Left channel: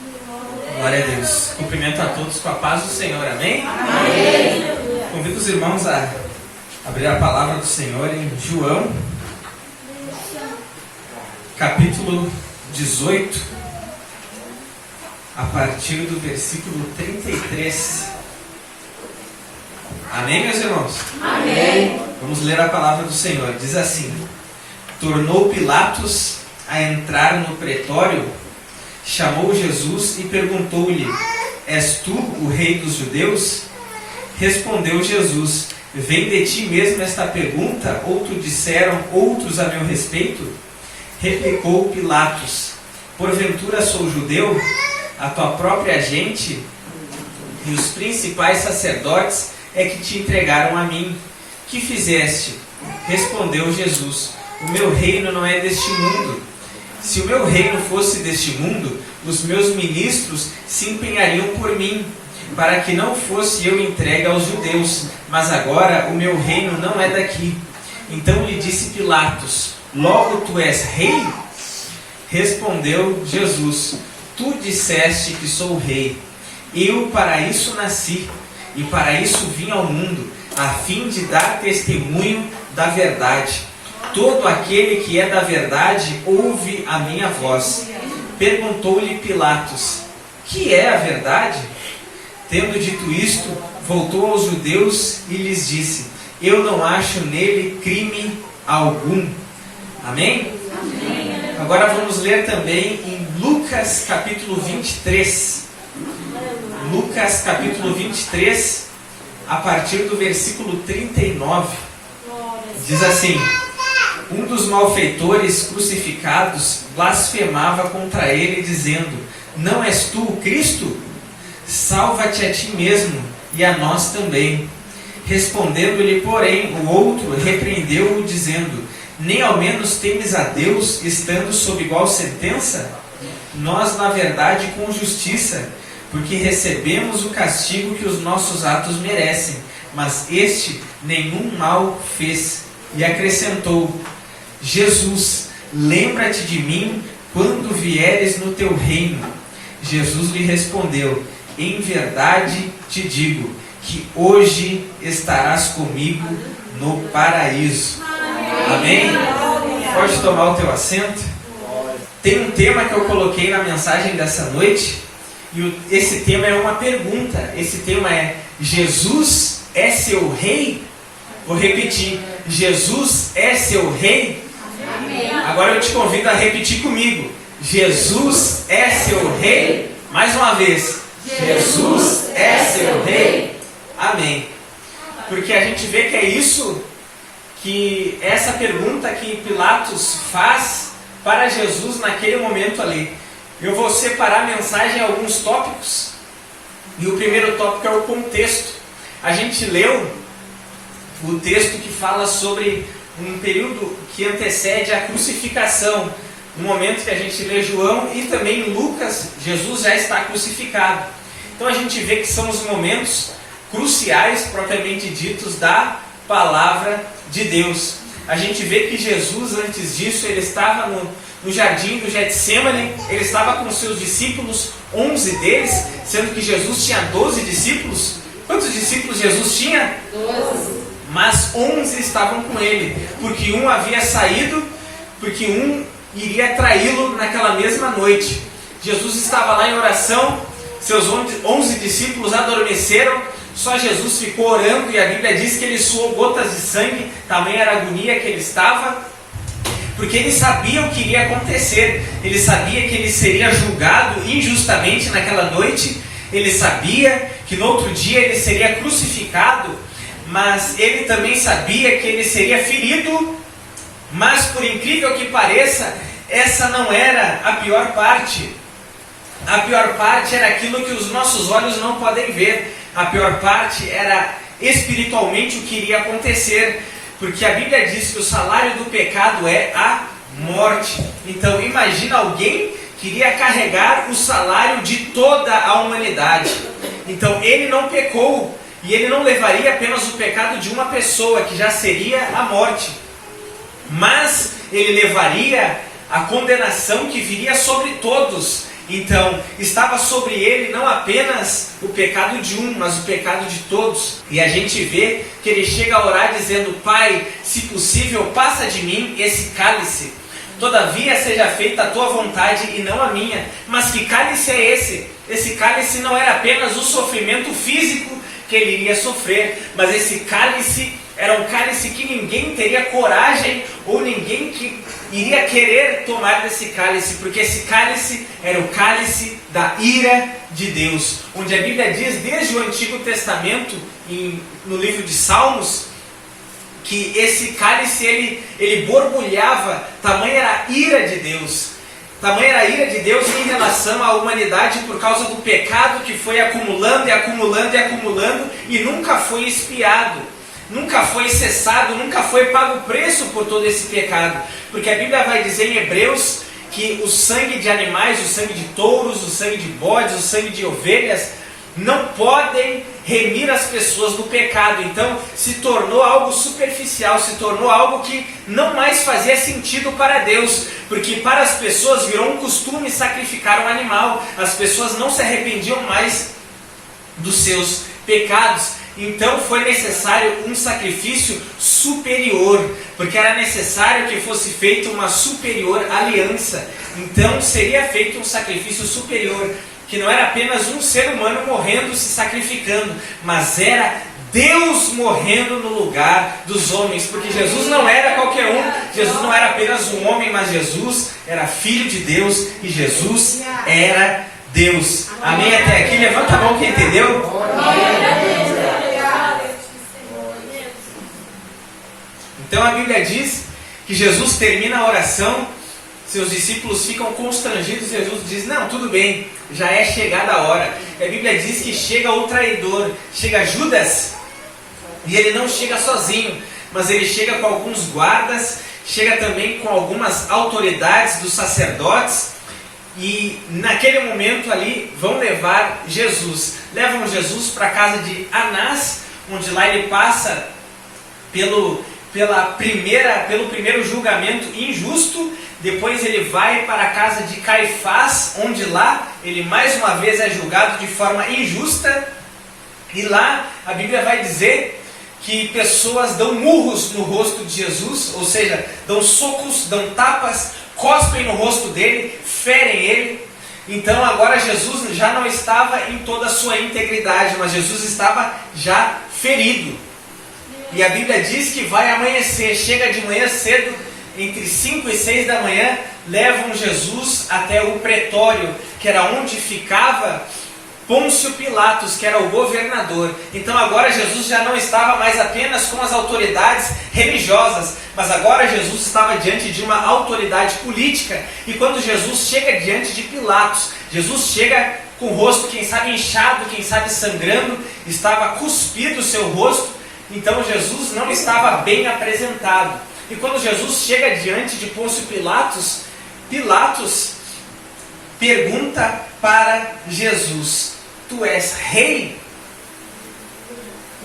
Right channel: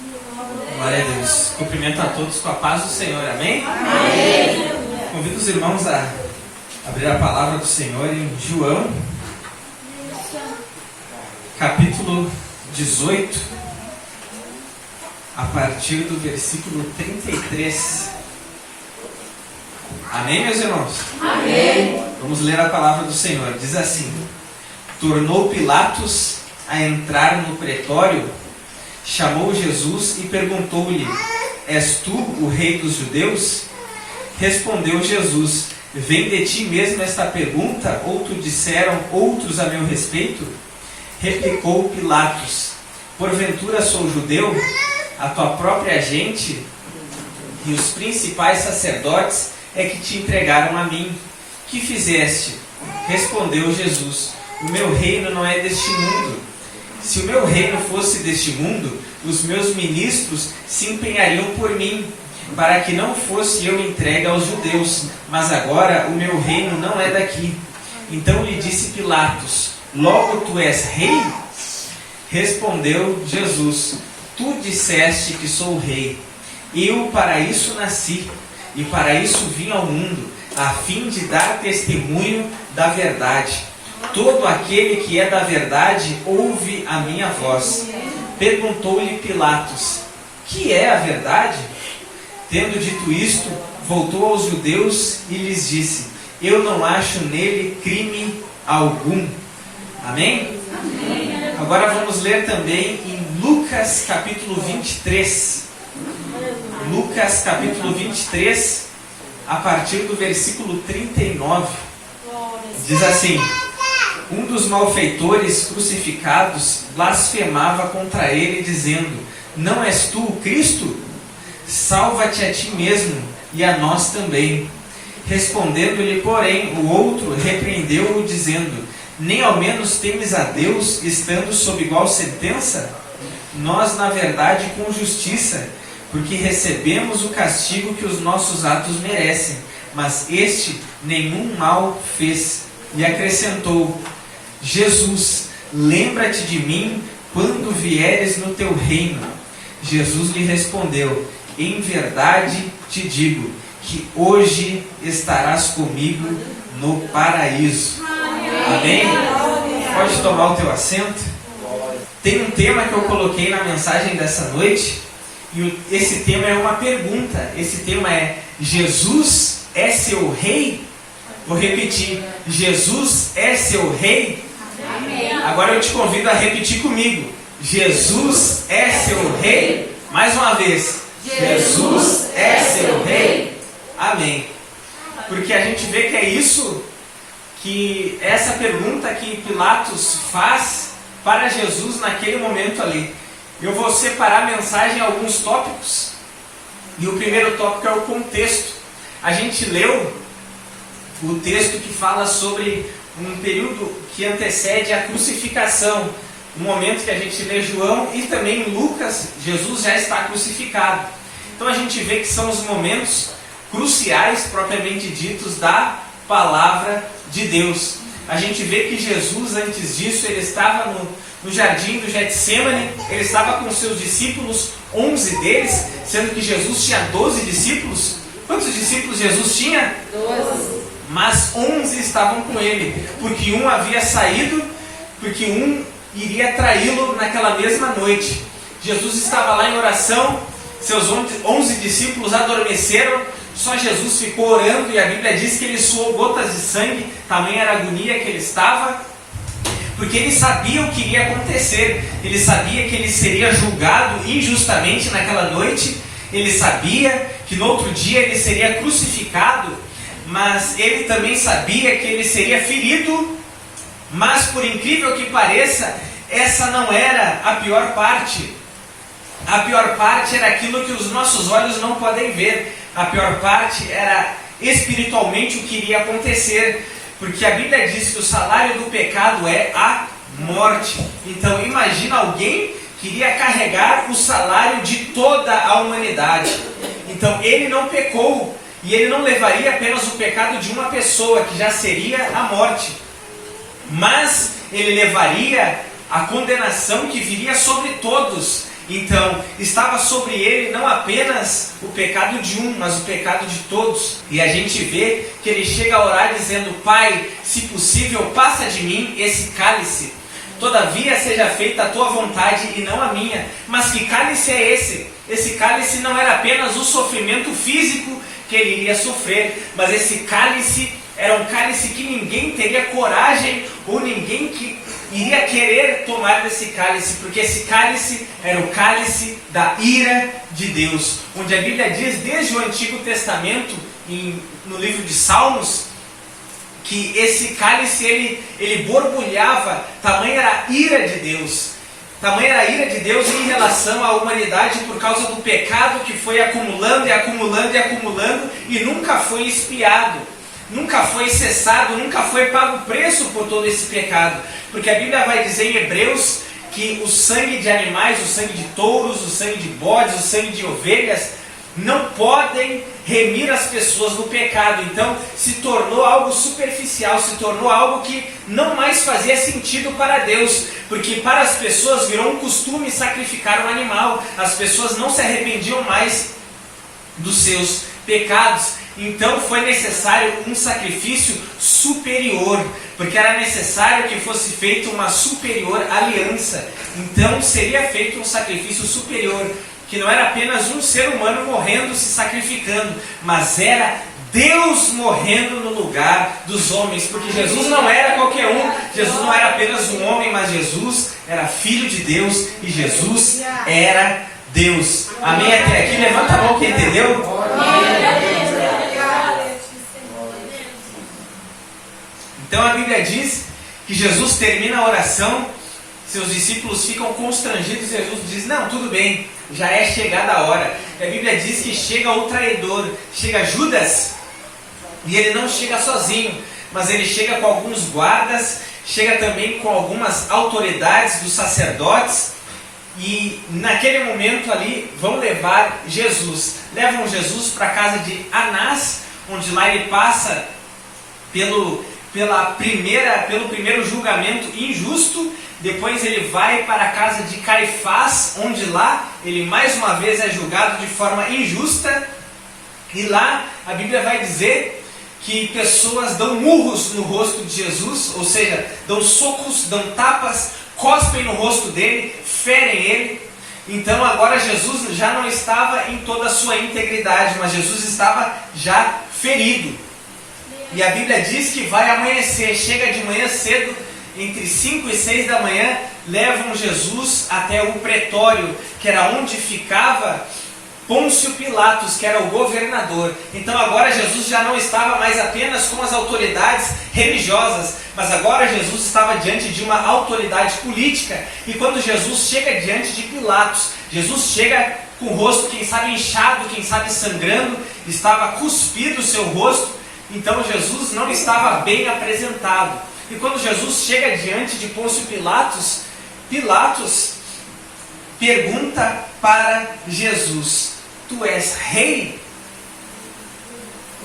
Glória a Deus. Cumprimento a todos com a paz do Senhor. Amém? Amém. Convido os irmãos a abrir a palavra do Senhor em João, capítulo 18, a partir do versículo 33. Amém, meus irmãos? Amém. Vamos ler a palavra do Senhor. Diz assim: Tornou Pilatos a entrar no pretório, chamou Jesus e perguntou-lhe: És tu o rei dos judeus? Respondeu Jesus: Vem de ti mesmo esta pergunta, ou te disseram outros a meu respeito? Replicou Pilatos: Porventura sou judeu? A tua própria gente e os principais sacerdotes é que te entregaram a mim. Que fizeste? Respondeu Jesus: O meu reino não é deste mundo. Se o meu reino fosse deste mundo, os meus ministros se empenhariam por mim, para que não fosse eu entregue aos judeus. Mas agora o meu reino não é daqui. Então lhe disse Pilatos: Logo tu és rei? Respondeu Jesus: Tu disseste que sou rei. Eu para isso nasci, e para isso vim ao mundo, a fim de dar testemunho da verdade. Todo aquele que é da verdade ouve a minha voz. Perguntou-lhe Pilatos: Que é a verdade? Tendo dito isto, voltou aos judeus e lhes disse: Eu não acho nele crime algum. Amém? Amém. Agora vamos ler também em Lucas capítulo 23. Lucas capítulo 23, a partir do versículo 39. Diz assim: Um dos malfeitores crucificados blasfemava contra ele, dizendo: Não és tu o Cristo? Salva-te a ti mesmo e a nós também. Respondendo-lhe, porém, o outro repreendeu-o, dizendo: Nem ao menos temes a Deus, estando sob igual sentença? Nós, na verdade, com justiça, porque recebemos o castigo que os nossos atos merecem, mas este nenhum mal fez. E acrescentou: Jesus, lembra-te de mim quando vieres no teu reino. Jesus lhe respondeu: Em verdade te digo que hoje estarás comigo no paraíso. Amém? Pode tomar o teu assento. Tem um tema que eu coloquei na mensagem dessa noite, e esse tema é uma pergunta. Esse tema é: Jesus é seu rei? Vou repetir: Jesus é seu rei? Amém. Agora eu te convido a repetir comigo: Jesus é seu rei? Mais uma vez: Jesus é seu rei? Amém. Porque a gente vê que é isso, que essa pergunta que Pilatos faz para Jesus naquele momento ali. Eu vou separar a mensagem em alguns tópicos, e o primeiro tópico é o contexto. A gente leu o texto que fala sobre um período que antecede a crucificação. No momento que a gente lê João e também em Lucas, Jesus já está crucificado. Então a gente vê que são os momentos cruciais, propriamente ditos, da palavra de Deus. A gente vê que Jesus, antes disso, ele estava no jardim do Getsêmani, ele estava com seus discípulos, 11 deles, sendo que Jesus tinha 12 discípulos. Quantos discípulos Jesus tinha? 12. Mas 11 estavam com ele, porque um havia saído, porque um iria traí-lo naquela mesma noite. Jesus estava lá em oração, seus 11 discípulos adormeceram, só Jesus ficou orando, e a Bíblia diz que ele suou gotas de sangue, também era a agonia que ele estava, porque ele sabia o que iria acontecer. Ele sabia que ele seria julgado injustamente naquela noite, ele sabia que no outro dia ele seria crucificado, mas ele também sabia que ele seria ferido. Mas por incrível que pareça, essa não era a pior parte. A pior parte era aquilo que os nossos olhos não podem ver. A pior parte era espiritualmente o que iria acontecer, porque a Bíblia diz que o salário do pecado é a morte. Então imagina alguém que iria carregar o salário de toda a humanidade. Então ele não pecou, e ele não levaria apenas o pecado de uma pessoa, que já seria a morte, mas ele levaria a condenação que viria sobre todos. Então, estava sobre ele não apenas o pecado de um, mas o pecado de todos. E a gente vê que ele chega a orar dizendo: Pai, se possível, passa de mim esse cálice. Todavia seja feita a tua vontade e não a minha. Mas que cálice é esse? Esse cálice não era apenas o sofrimento físico que ele iria sofrer, mas esse cálice era um cálice que ninguém teria coragem ou ninguém que iria querer tomar desse cálice, porque esse cálice era o cálice da ira de Deus, onde a Bíblia diz desde o Antigo Testamento, no livro de Salmos, que esse cálice ele borbulhava, tamanha era a ira de Deus. Tamanha era a ira de Deus em relação à humanidade por causa do pecado que foi acumulando e acumulando e acumulando e nunca foi expiado, nunca foi cessado, nunca foi pago o preço por todo esse pecado. Porque a Bíblia vai dizer em Hebreus que o sangue de animais, o sangue de touros, o sangue de bodes, o sangue de ovelhas não podem remir as pessoas do pecado. Então se tornou algo superficial, se tornou algo que não mais fazia sentido para Deus, porque para as pessoas virou um costume sacrificar um animal. As pessoas não se arrependiam mais dos seus pecados. Então foi necessário um sacrifício superior, porque era necessário que fosse feita uma superior aliança. Então seria feito um sacrifício superior, que não era apenas um ser humano morrendo, se sacrificando, mas era Deus morrendo no lugar dos homens, porque Jesus não era qualquer um, Jesus não era apenas um homem, mas Jesus era Filho de Deus e Jesus era Deus. Amém? Até aqui, levanta a mão quem entendeu. Então a Bíblia diz que Jesus termina a oração, seus discípulos ficam constrangidos, Jesus diz: não, tudo bem, já é chegada a hora. E a Bíblia diz que chega o traidor, chega Judas, e ele não chega sozinho, mas ele chega com alguns guardas, chega também com algumas autoridades dos sacerdotes, e naquele momento ali vão levar Jesus. Levam Jesus para a casa de Anás, onde lá ele passa pelo primeiro julgamento injusto. Depois ele vai para a casa de Caifás, onde lá ele mais uma vez é julgado de forma injusta. E lá a Bíblia vai dizer que pessoas dão murros no rosto de Jesus, ou seja, dão socos, dão tapas, cospem no rosto dele, ferem ele. Então agora Jesus já não estava em toda a sua integridade, mas Jesus estava já ferido. E a Bíblia diz que vai amanhecer, chega de manhã cedo, entre 5 e 6 da manhã, levam Jesus até o pretório, que era onde ficava Pôncio Pilatos, que era o governador. Então agora Jesus já não estava mais apenas com as autoridades religiosas, mas agora Jesus estava diante de uma autoridade política. E quando Jesus chega diante de Pilatos, Jesus chega com o rosto, quem sabe inchado, quem sabe sangrando, estava cuspido o seu rosto. Então Jesus não estava bem apresentado. E quando Jesus chega diante de Pôncio Pilatos, Pilatos pergunta para Jesus: tu és rei?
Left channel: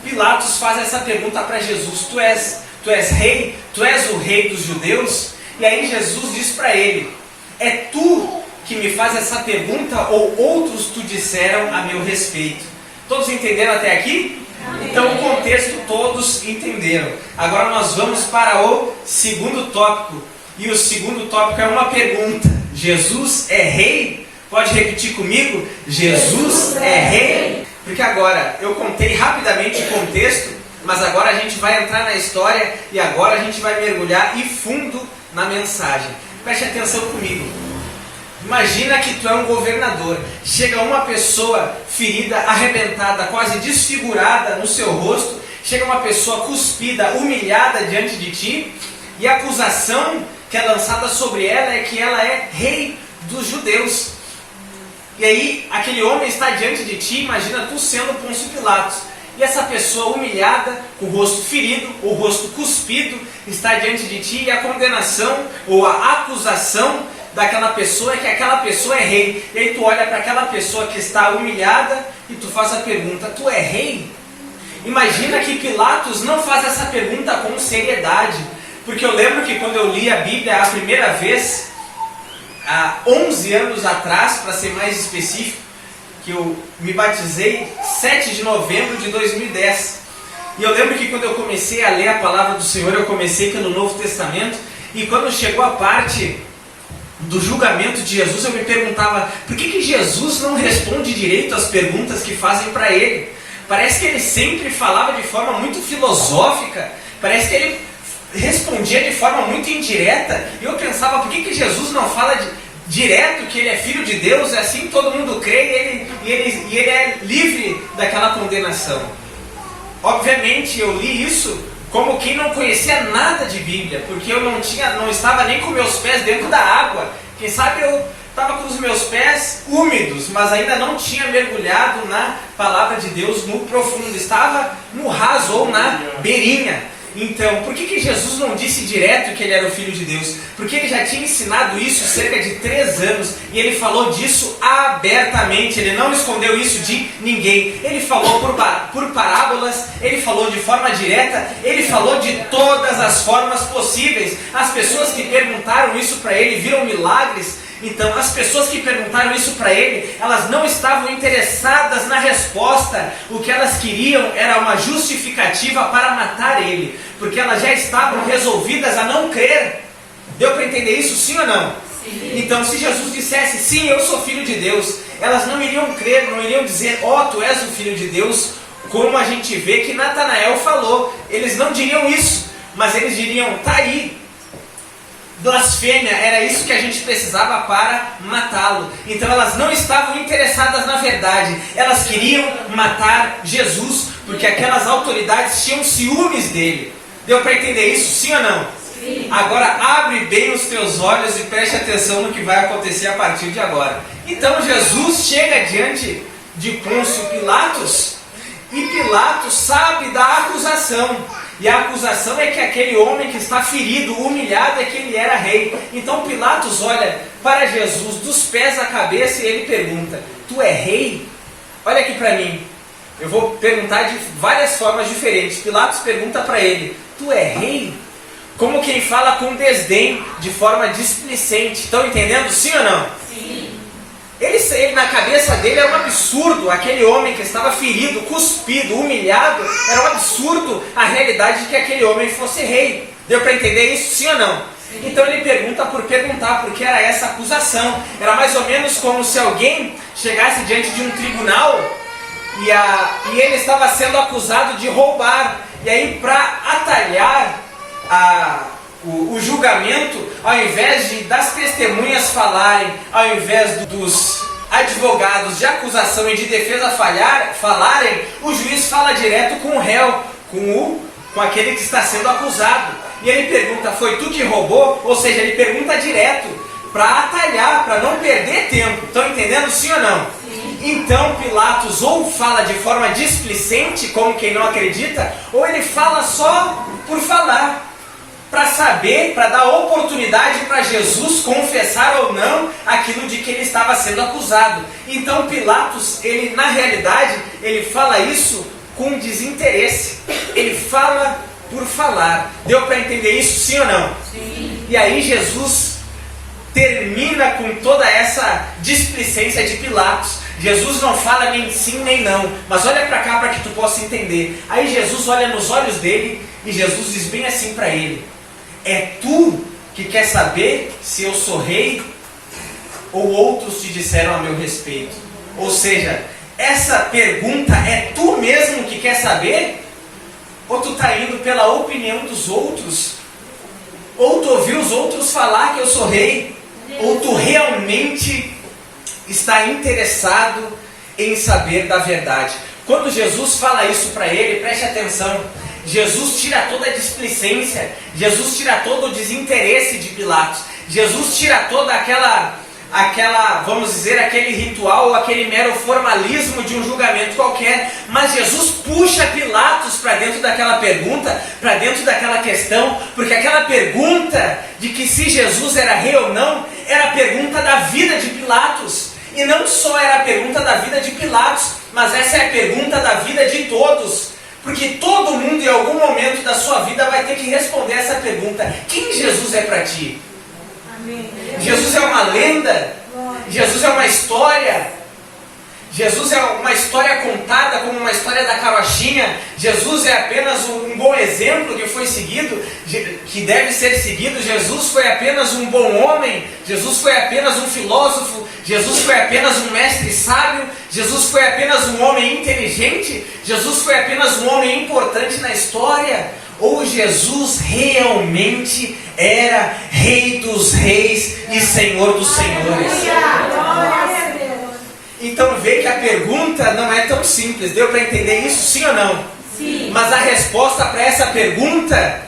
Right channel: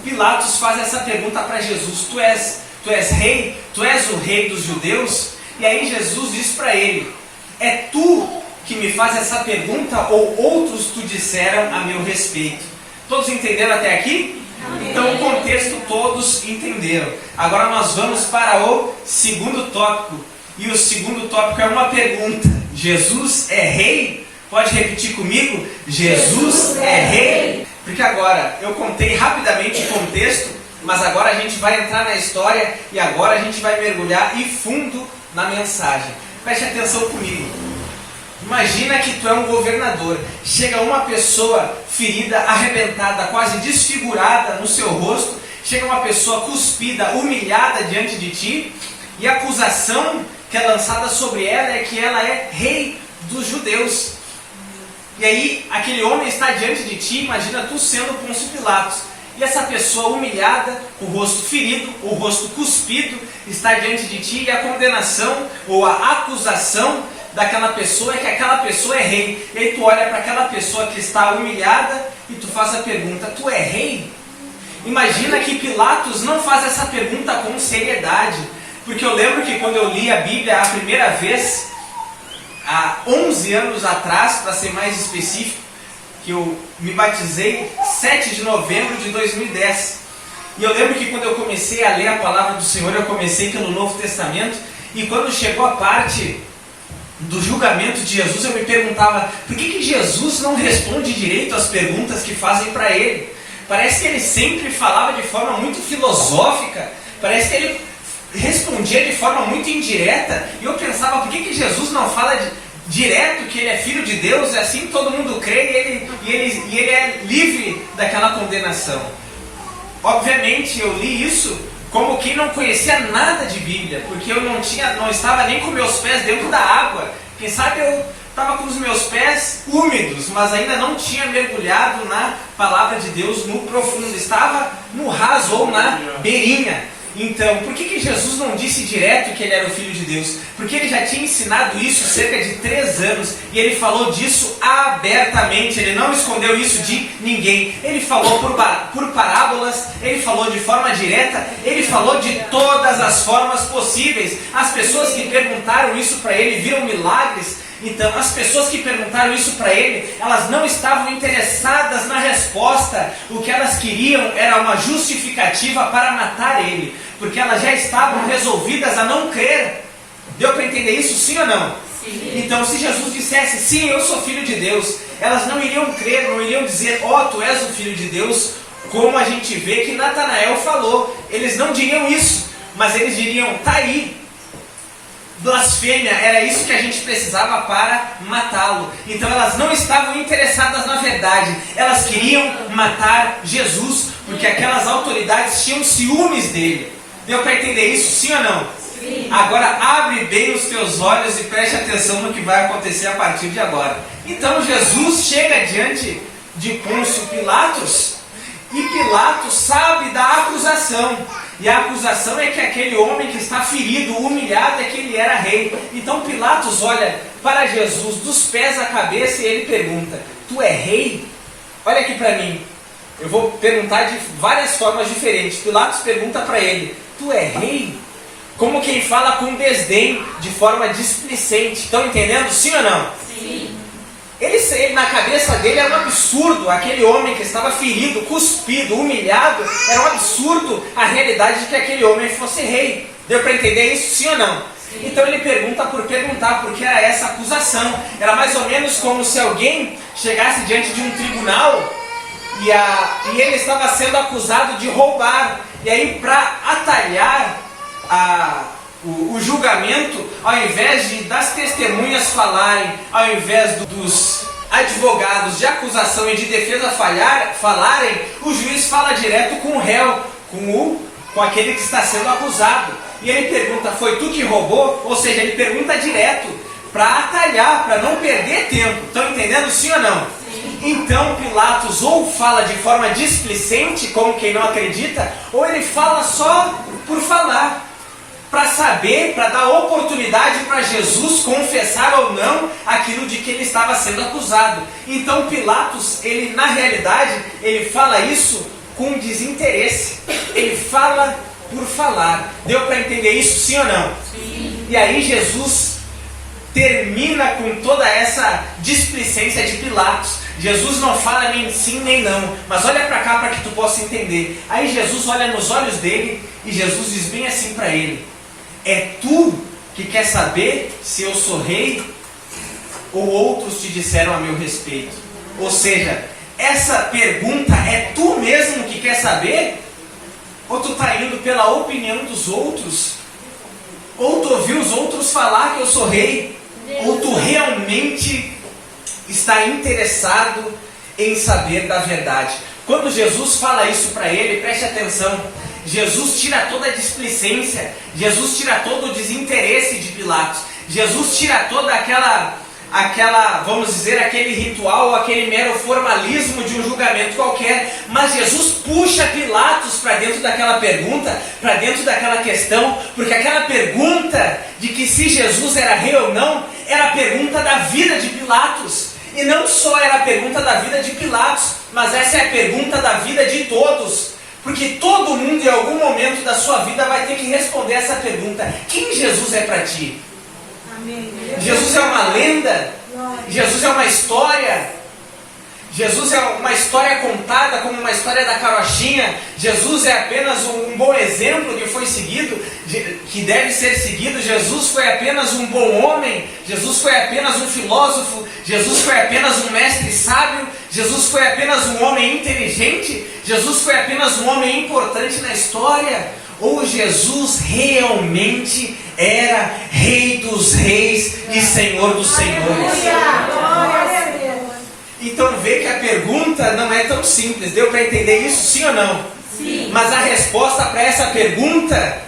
Pilatos faz essa pergunta para Jesus: tu és rei? Tu és o rei dos judeus? E aí Jesus diz para ele: é tu que me faz essa pergunta ou outros te disseram a meu respeito? Todos entenderam até aqui? Então o contexto todos entenderam. Agora nós vamos para o segundo tópico. E o segundo tópico é uma pergunta: Jesus é rei? Pode repetir comigo? Jesus é rei? Porque agora eu contei rapidamente o contexto, mas agora a gente vai entrar na história e agora a gente vai mergulhar e fundo na mensagem. Preste atenção comigo. Imagina que tu é um governador, chega uma pessoa ferida, arrebentada, quase desfigurada no seu rosto, chega uma pessoa cuspida, humilhada diante de ti, e a acusação que é lançada sobre ela é que ela é rei dos judeus. E aí aquele homem está diante de ti, imagina tu sendo Pôncio Pilatos, e essa pessoa humilhada, com o rosto ferido, o rosto cuspido, está diante de ti, e a condenação ou a acusação daquela pessoa é que aquela pessoa é rei. E aí tu olha para aquela pessoa que está humilhada e tu faz a pergunta: tu é rei? Imagina que Pilatos não faz essa pergunta com seriedade, porque eu lembro que quando eu li a Bíblia a primeira vez, há 11 anos atrás, para ser mais específico, que eu me batizei 7 de novembro de 2010. E eu lembro que quando eu comecei a ler a palavra do Senhor, eu comecei pelo Novo Testamento, e quando chegou a parte do julgamento de Jesus, eu me perguntava, por que Jesus não responde direito às perguntas que fazem para ele? Parece que ele sempre falava de forma muito filosófica, parece que ele respondia de forma muito indireta, e eu pensava, por que Jesus não fala direto que ele é filho de Deus, e assim todo mundo crê, e ele é livre daquela condenação? Obviamente eu li isso como quem não conhecia nada de Bíblia, porque eu não estava nem com meus pés dentro da água. Quem sabe eu estava com os meus pés úmidos, mas ainda não tinha mergulhado na palavra de Deus no profundo, estava no raso ou na beirinha. Então, por que Jesus não disse direto que ele era o Filho de Deus? Porque ele já tinha ensinado isso cerca de 3 anos, e ele falou disso abertamente, ele não escondeu isso de ninguém. Ele falou por parábolas, ele falou de forma direta, ele falou de todas as formas possíveis. As pessoas que perguntaram isso para ele viram milagres. Então, as pessoas que perguntaram isso para ele, elas não estavam interessadas na resposta. O que elas queriam era uma justificativa para matar ele, porque elas já estavam resolvidas a não crer. Deu para entender isso, sim ou não? Sim. Então, se Jesus dissesse, sim, eu sou filho de Deus, elas não iriam crer, não iriam dizer, ó, tu és o filho de Deus, como a gente vê que Natanael falou. Eles não diriam isso, mas eles diriam, tá aí. Blasfêmia, era isso que a gente precisava para matá-lo. Então elas não estavam interessadas na verdade, elas queriam matar Jesus, porque aquelas autoridades tinham ciúmes dele. Deu para entender isso, sim ou não? Sim. Agora abre bem os teus olhos e preste atenção no que vai acontecer a partir de agora. Então Jesus chega diante de Pôncio Pilatos, e Pilatos sabe da acusação. E a acusação é que aquele homem que está ferido, humilhado, é que ele era rei. Então Pilatos olha para Jesus dos pés à cabeça e ele pergunta, tu é rei? Olha aqui para mim, eu vou perguntar de várias formas diferentes. Pilatos pergunta para ele, tu é rei? Como quem fala com desdém, de forma displicente. Estão entendendo? Sim ou não? Sim. Ele na cabeça dele era um absurdo, aquele homem que estava ferido, cuspido, humilhado, era um absurdo a realidade de que aquele homem fosse rei. Deu para entender isso, sim ou não? Sim. Então ele pergunta por perguntar, porque era essa acusação. Era mais ou menos como se alguém chegasse diante de um tribunal e ele estava sendo acusado de roubar. E aí, para atalhar o julgamento, ao invés das testemunhas falarem, ao invés dos advogados de acusação e de defesa falarem, o juiz fala direto com o réu, com aquele que está sendo acusado. E ele pergunta, foi tu que roubou? Ou seja, ele pergunta direto, para atalhar, para não perder tempo. Estão entendendo, sim ou não? Sim. Então Pilatos ou fala de forma displicente, como quem não acredita, ou ele fala só por falar, para saber, para dar oportunidade para Jesus confessar ou não aquilo de que ele estava sendo acusado. Então Pilatos, ele na realidade, ele fala isso com desinteresse. Ele fala por falar. Deu para entender isso, sim ou não? Sim. E aí Jesus termina com toda essa displicência de Pilatos. Jesus não fala nem sim nem não, mas olha para cá para que tu possa entender. Aí Jesus olha nos olhos dele e Jesus diz bem assim para ele, é tu que quer saber se eu sou rei ou outros te disseram a meu respeito? Ou seja, essa pergunta é tu mesmo que quer saber? Ou tu está indo pela opinião dos outros? Ou tu ouviu os outros falar que eu sou rei? Ou tu realmente está interessado em saber da verdade? Quando Jesus fala isso para ele, preste atenção, Jesus tira toda a displicência, Jesus tira todo o desinteresse de Pilatos, Jesus tira toda aquela, vamos dizer, aquele ritual, aquele mero formalismo de um julgamento qualquer, mas Jesus puxa Pilatos para dentro daquela pergunta, para dentro daquela questão, porque aquela pergunta de que se Jesus era rei ou não, era a pergunta da vida de Pilatos. E não só era a pergunta da vida de Pilatos, mas essa é a pergunta da vida de todos. Porque todo mundo em algum momento da sua vida vai ter que responder essa pergunta. Quem Jesus é para ti? Jesus é uma lenda. Jesus é uma história. Jesus é uma história contada como uma história da carochinha. Jesus é apenas um bom exemplo que foi seguido, que deve ser seguido. Jesus foi apenas um bom homem. Jesus foi apenas um filósofo. Jesus foi apenas um mestre sábio. Jesus foi apenas um homem inteligente. Jesus foi apenas um homem importante na história. Ou Jesus realmente era Rei dos Reis e Senhor dos Senhores? Então vê que a pergunta não é tão simples. Deu para entender isso, sim ou não? Sim. Mas a resposta para essa pergunta,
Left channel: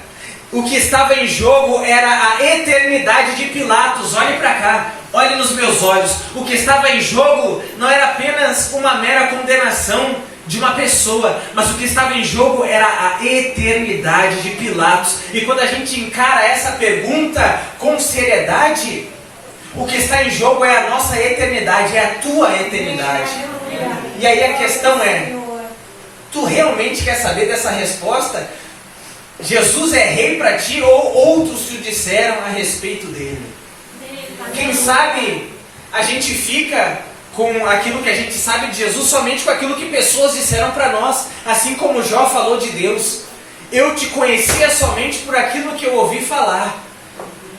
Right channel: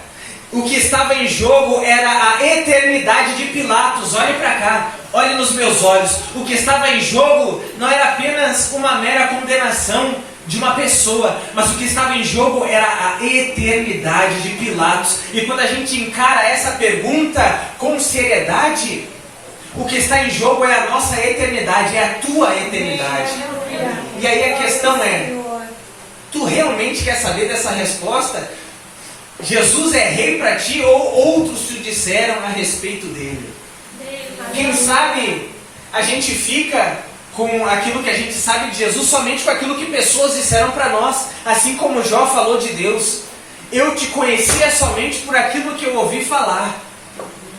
o que estava em jogo era a eternidade de Pilatos. Olhe para cá, olhe nos meus olhos. O que estava em jogo não era apenas uma mera condenação de uma pessoa, mas o que estava em jogo era a eternidade de Pilatos. E quando a gente encara essa pergunta com seriedade, o que está em jogo é a nossa eternidade, é a tua eternidade. E aí a questão é, tu realmente quer saber dessa resposta? Jesus é rei para ti ou outros te disseram a respeito dele? Quem sabe a gente fica com aquilo que a gente sabe de Jesus somente com aquilo que pessoas disseram para nós, assim como Jó falou de Deus. Eu te conhecia somente por aquilo que eu ouvi falar.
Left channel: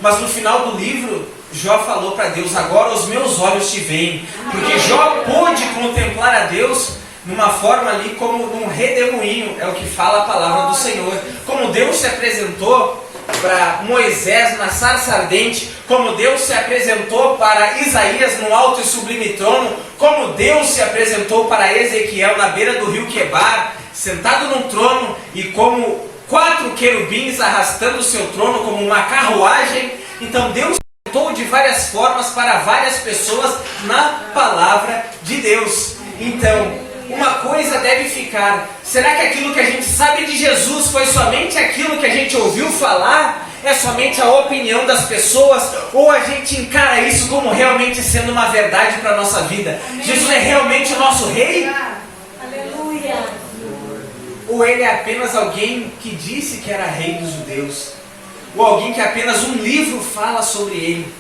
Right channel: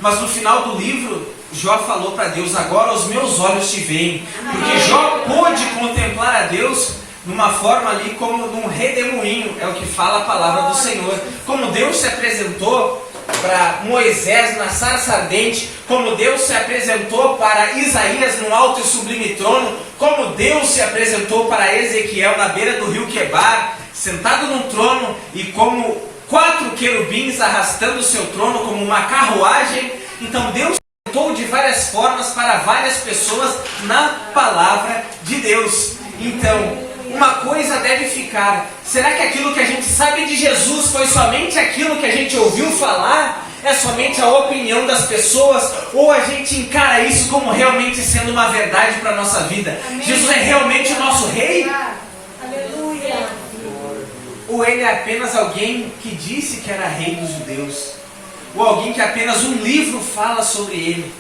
Mas no final do livro, Jó falou para Deus, agora os meus olhos te veem. Porque Jó pôde contemplar a Deus numa forma ali como num redemoinho, é o que fala a palavra do Senhor. Como Deus se apresentou para Moisés na sarça ardente, como Deus se apresentou para Isaías no alto e sublime trono, como Deus se apresentou para Ezequiel na beira do rio Quebar, sentado num trono, e como 4 querubins arrastando o seu trono como uma carruagem. Então Deus se apresentou de várias formas para várias pessoas na palavra de Deus. Então, uma coisa deve ficar: será que aquilo que a gente sabe de Jesus foi somente aquilo que a gente ouviu falar? É somente a opinião das pessoas? Ou a gente encara isso como realmente sendo uma verdade para a nossa vida? Amém. Jesus é realmente o nosso rei? Aleluia. Ou ele é apenas alguém que disse que era rei dos judeus? Ou alguém que apenas um livro fala sobre ele?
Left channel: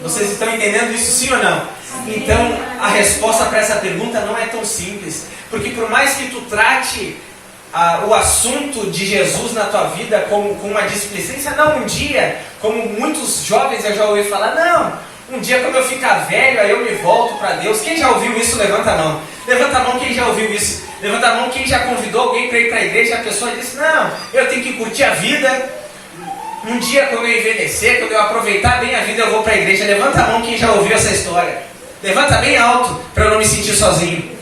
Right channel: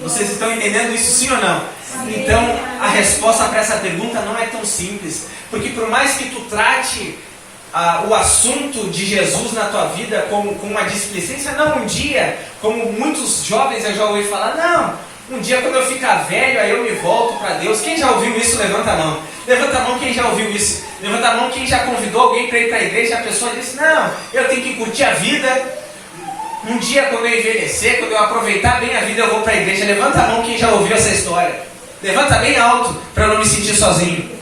Vocês estão entendendo isso, sim ou não? Então, a resposta para essa pergunta não é tão simples. Porque por mais que tu trate o assunto de Jesus na tua vida com uma displicência, não, um dia, como muitos jovens eu já ouvi falar, não, um dia quando eu ficar velho, aí eu me volto para Deus. Quem já ouviu isso, levanta a mão. Levanta a mão quem já ouviu isso. Levanta a mão quem já convidou alguém para ir para a igreja, a pessoa disse, não, eu tenho que curtir a vida. Um dia quando eu envelhecer, quando eu aproveitar bem a vida, eu vou para a igreja. Levanta a mão quem já ouviu essa história. Levanta bem alto, para eu não me sentir sozinho.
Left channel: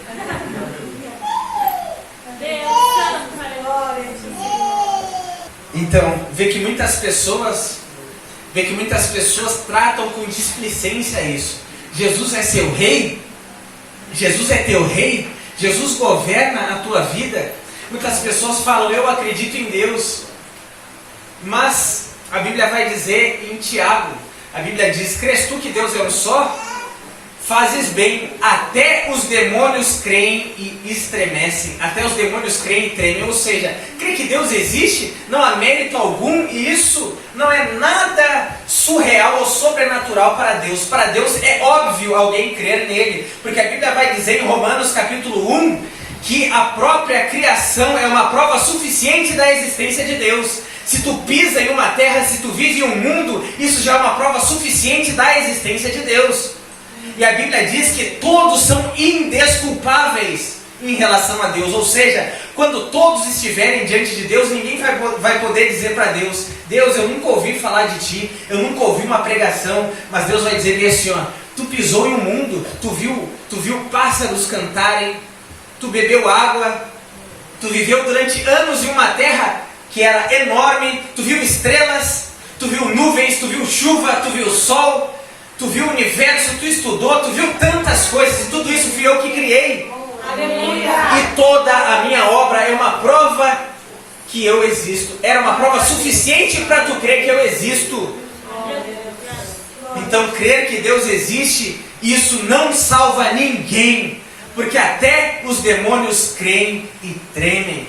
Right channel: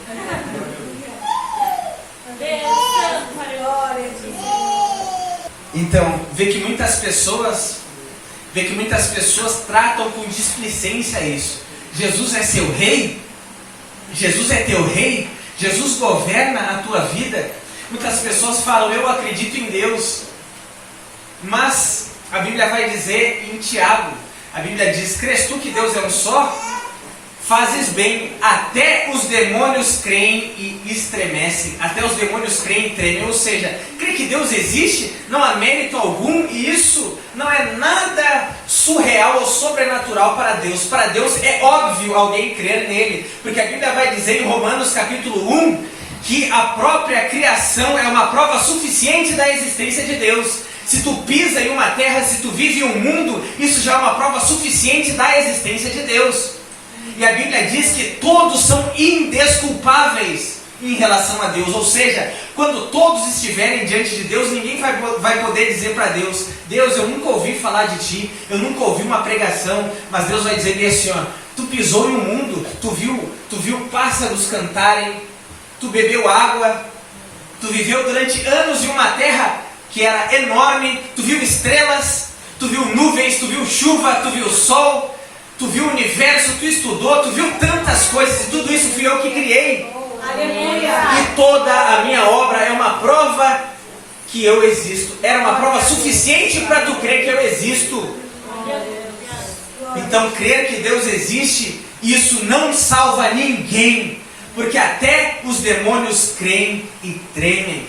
Então, vê que muitas pessoas tratam com displicência isso. Jesus é seu rei? Jesus é teu rei? Jesus governa a tua vida? Muitas pessoas falam, eu acredito em Deus. Mas a Bíblia vai dizer em Tiago, a Bíblia diz, crês tu que Deus é um só? Fazes bem, até os demônios creem e estremecem. Até os demônios creem e tremem. Ou seja, crer que Deus existe, não há mérito algum. E isso não é nada surreal ou sobrenatural para Deus. Para Deus é óbvio alguém crer nele. Porque a Bíblia vai dizer em Romanos capítulo 1, que a própria criação é uma prova suficiente da existência de Deus. Se tu pisa em uma terra, se tu vive em um mundo, isso já é uma prova suficiente da existência de Deus. E a Bíblia diz que todos são indesculpáveis em relação a Deus. Ou seja, quando todos estiverem diante de Deus, ninguém vai poder dizer para Deus, Deus, eu nunca ouvi falar de ti, eu nunca ouvi uma pregação, mas Deus vai dizer assim, ó, tu pisou em um mundo, tu viu pássaros cantarem, tu bebeu água, tu viveu durante anos em uma terra que era enorme, tu viu estrelas, tu viu nuvens, tu viu chuva, tu viu sol, tu viu o universo, tu estudou, tu viu tantas coisas, e tudo isso fui eu que criei. Aleluia. E toda a minha obra é uma prova que eu existo. Era uma prova suficiente para tu crer que eu existo. Então, crer que Deus existe, isso não salva ninguém. Porque até os demônios creem e tremem.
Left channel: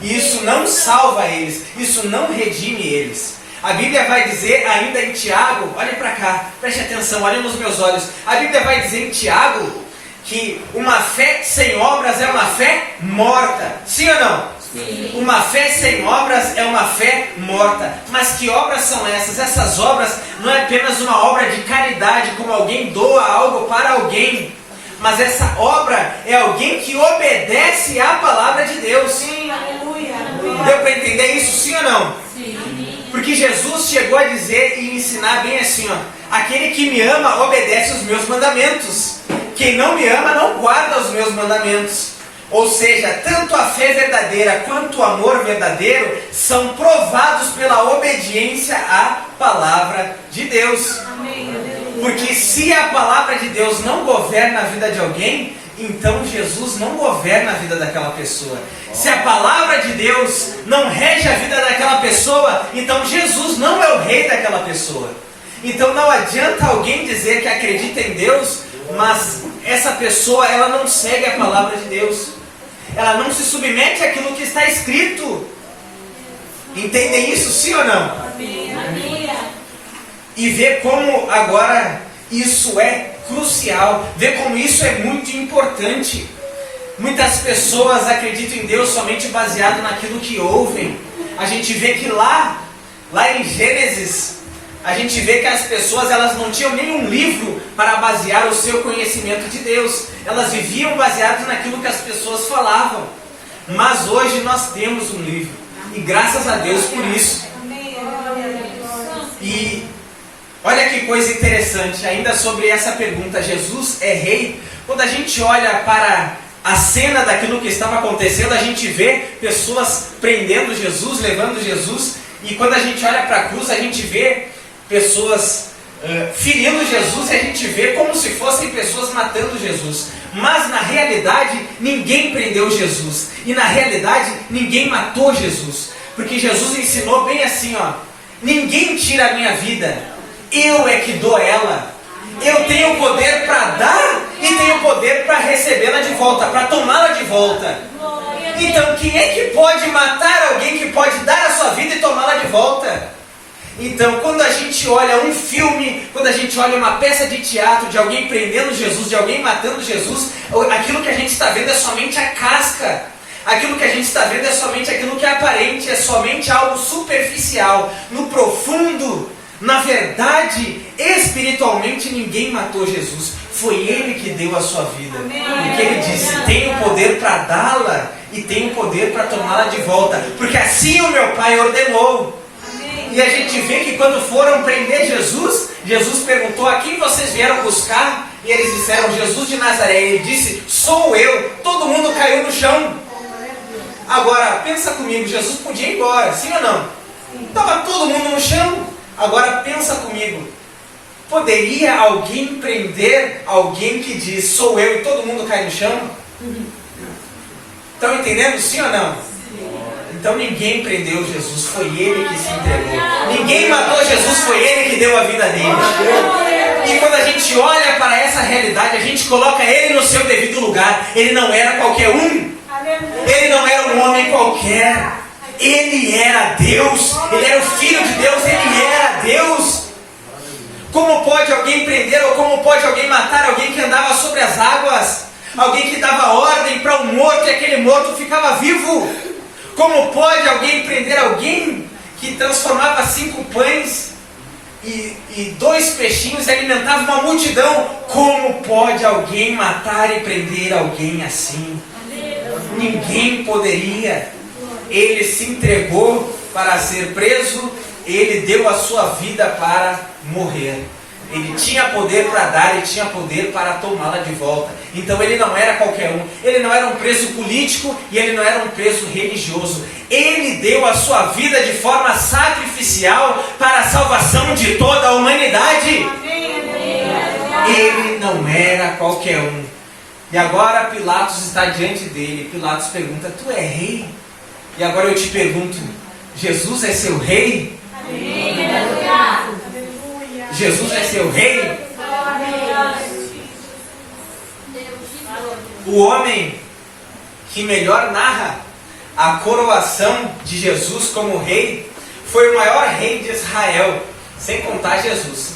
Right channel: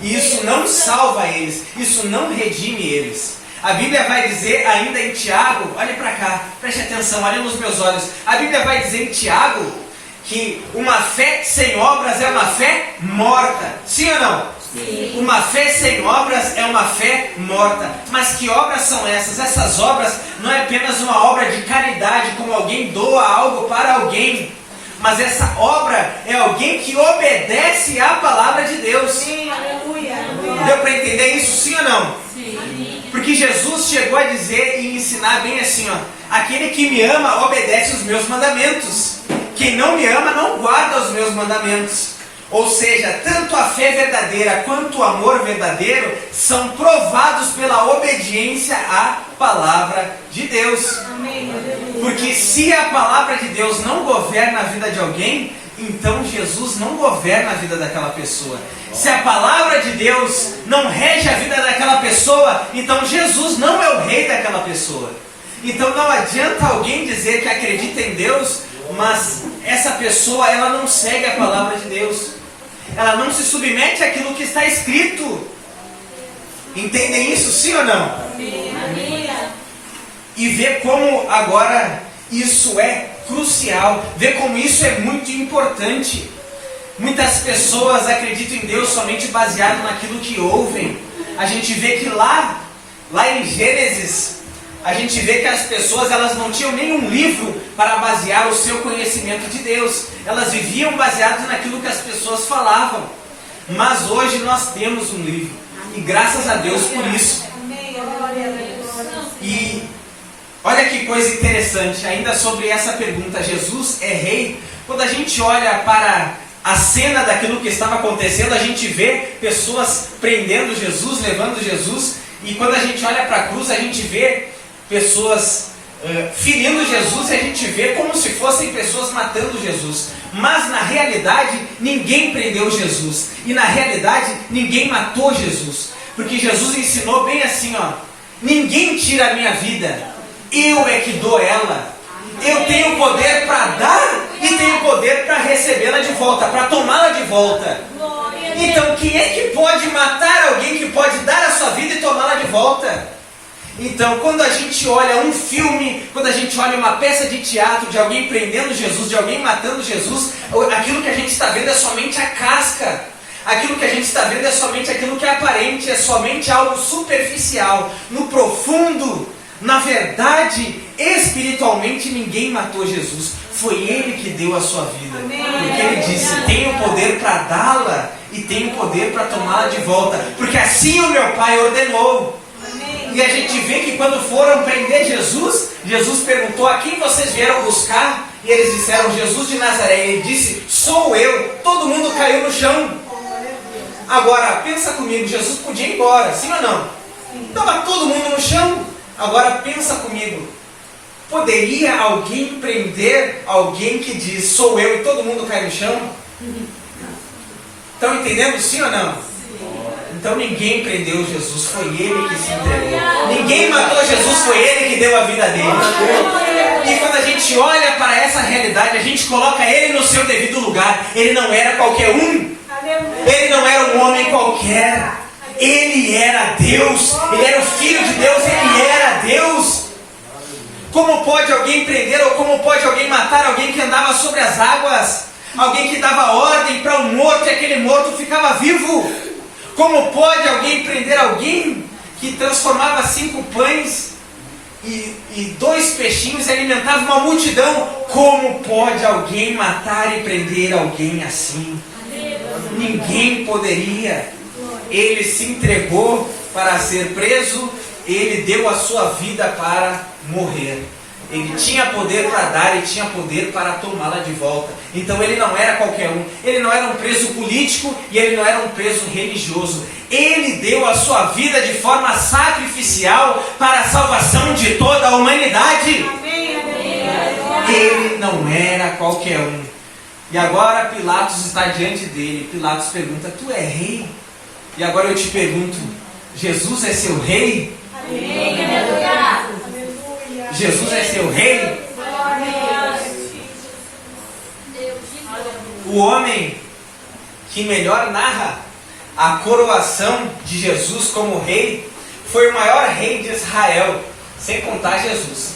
E isso não salva eles, isso não redime eles. A Bíblia vai dizer ainda em Tiago, olhe para cá, preste atenção, olhe nos meus olhos. A Bíblia vai dizer em Tiago que uma fé sem obras é uma fé morta. Sim ou não? Sim. Uma fé sem obras é uma fé morta. Mas que obras são essas? Essas obras não é apenas uma obra de caridade, como alguém doa algo para alguém. Mas essa obra é alguém que obedece à palavra de Deus. Sim, aleluia, aleluia. Deu para entender isso, sim ou não? Sim. Porque Jesus chegou a dizer e ensinar bem assim, ó: aquele que me ama obedece os meus mandamentos. Quem não me ama não guarda os meus mandamentos. Ou seja, tanto a fé verdadeira quanto o amor verdadeiro são provados pela obediência à palavra de Deus. Amém, aleluia. Porque se a palavra de Deus não governa a vida de alguém, então Jesus não governa a vida daquela pessoa. Se a palavra de Deus não rege a vida daquela pessoa, então Jesus não é o rei daquela pessoa. Então não adianta alguém dizer que acredita em Deus, mas essa pessoa ela não segue a palavra de Deus. Ela não se submete àquilo que está escrito. Entendem isso, sim ou não? Amém, aleluia. E ver como agora isso é crucial, ver como isso é muito importante. Muitas pessoas acreditam em Deus somente baseado naquilo que ouvem. A gente vê que lá em Gênesis, a gente vê que as pessoas elas não tinham nenhum livro para basear o seu conhecimento de Deus. Elas viviam baseadas naquilo que as pessoas falavam. Mas hoje nós temos um livro. E graças a Deus por isso. Amém, aleluia. E olha que coisa interessante, ainda sobre essa pergunta, Jesus é rei? Quando a gente olha para a cena daquilo que estava acontecendo, a gente vê pessoas prendendo Jesus, levando Jesus, e quando a gente olha para a cruz, a gente vê pessoas ferindo Jesus, e a gente vê como se fossem pessoas matando Jesus. Mas na realidade, ninguém prendeu Jesus, e na realidade, ninguém matou Jesus, porque Jesus ensinou bem assim, ó: ninguém tira a minha vida, eu é que dou ela. Eu tenho poder para dar e tenho poder para recebê-la de volta, para tomá-la de volta. Então quem é que pode matar alguém que pode dar a sua vida e tomá-la de volta? Então quando a gente olha um filme, quando a gente olha uma peça de teatro de alguém prendendo Jesus, de alguém matando Jesus, aquilo que a gente está vendo é somente a casca. Aquilo que a gente está vendo é somente aquilo que é aparente, é somente algo superficial. No profundo, na verdade, espiritualmente, ninguém matou Jesus. Foi Ele que deu a sua vida. Porque Ele disse: tenho poder para dá-la e tenho poder para tomá-la de volta. Porque assim o meu Pai ordenou. E a gente vê que quando foram prender Jesus, Jesus perguntou: a quem vocês vieram buscar? E eles disseram: Jesus de Nazaré. E Ele disse: sou eu. Todo mundo caiu no chão. Agora, pensa comigo, Jesus podia ir embora, sim ou não? Estava todo mundo no chão. Agora pensa comigo, poderia alguém prender alguém que diz: sou eu, e todo mundo cai no chão? Estão entendendo, sim ou não? Então ninguém prendeu Jesus, foi Ele que se entregou. Ninguém matou Jesus, foi Ele que deu a vida dele. E quando a gente olha para essa realidade, a gente coloca Ele no seu devido lugar. Ele não era qualquer um. Ele não era um homem qualquer. Ele era Deus. Ele era o Filho de Deus. Ele era Deus. Como pode alguém prender ou como pode alguém matar alguém que andava sobre as águas? Alguém que dava ordem para um morto e aquele morto ficava vivo? Como pode alguém prender alguém que transformava 5 pães e 2 peixinhos e alimentava uma multidão? Como pode alguém matar e prender alguém assim? Ninguém poderia. Ele se entregou para ser preso, ele deu a sua vida para morrer. Ele tinha poder para dar e tinha poder para tomá-la de volta. Então ele não era qualquer um. Ele não era um preso político e ele não era um preso religioso. Ele deu a sua vida de forma sacrificial para a salvação de toda a humanidade. Ele não era qualquer um. E agora Pilatos está diante dele. Pilatos pergunta: tu é rei? E agora eu te pergunto: Jesus é seu rei? Jesus é seu rei? O homem que melhor narra a coroação de Jesus como rei foi o maior rei de Israel, sem contar Jesus.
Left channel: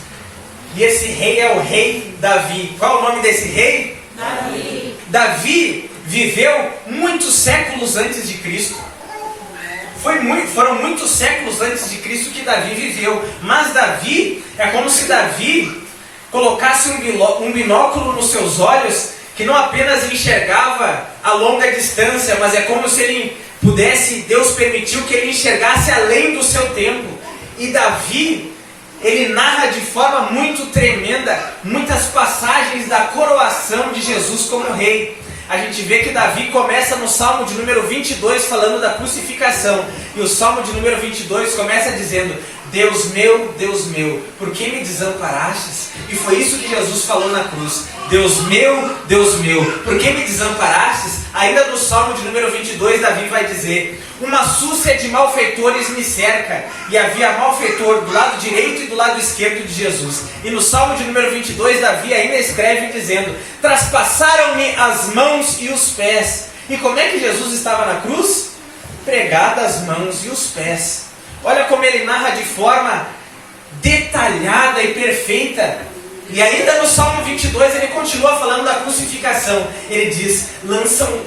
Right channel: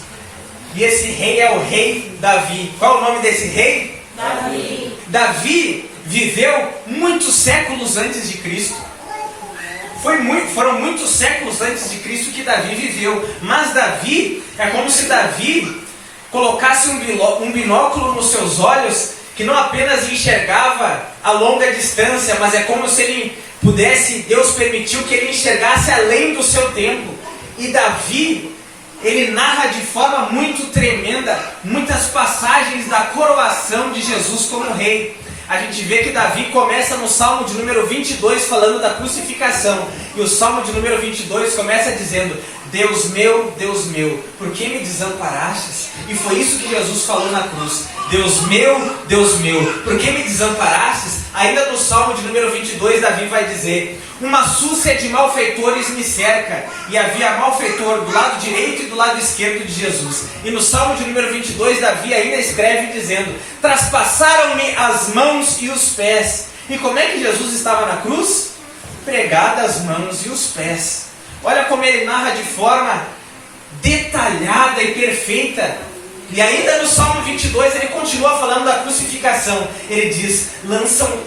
E esse rei é o rei Davi. Qual é o nome desse rei? Davi. Davi viveu muitos séculos antes de Cristo. Foram muitos séculos antes de Cristo que Davi viveu. Mas Davi, é como se Davi colocasse um binóculo nos seus olhos, que não apenas enxergava a longa distância, mas é como se ele pudesse, Deus permitiu que ele enxergasse além do seu tempo. E Davi, ele narra de forma muito tremenda muitas passagens da coroação de Jesus como rei. A gente vê que Davi começa no Salmo de número 22 falando da crucificação. E o Salmo de número 22 começa dizendo: Deus meu, por que me desamparastes? E foi isso que Jesus falou na cruz. Deus meu, por que me desamparastes? Ainda no Salmo de número 22, Davi vai dizer: uma súcia de malfeitores me cerca. E havia malfeitor do lado direito e do lado esquerdo de Jesus. E no Salmo de número 22, Davi ainda escreve dizendo: traspassaram-me as mãos e os pés. E como é que Jesus estava na cruz? Pregadas as mãos e os pés. Olha como ele narra de forma detalhada e perfeita. E ainda no Salmo 22 ele continua falando da crucificação. Ele diz:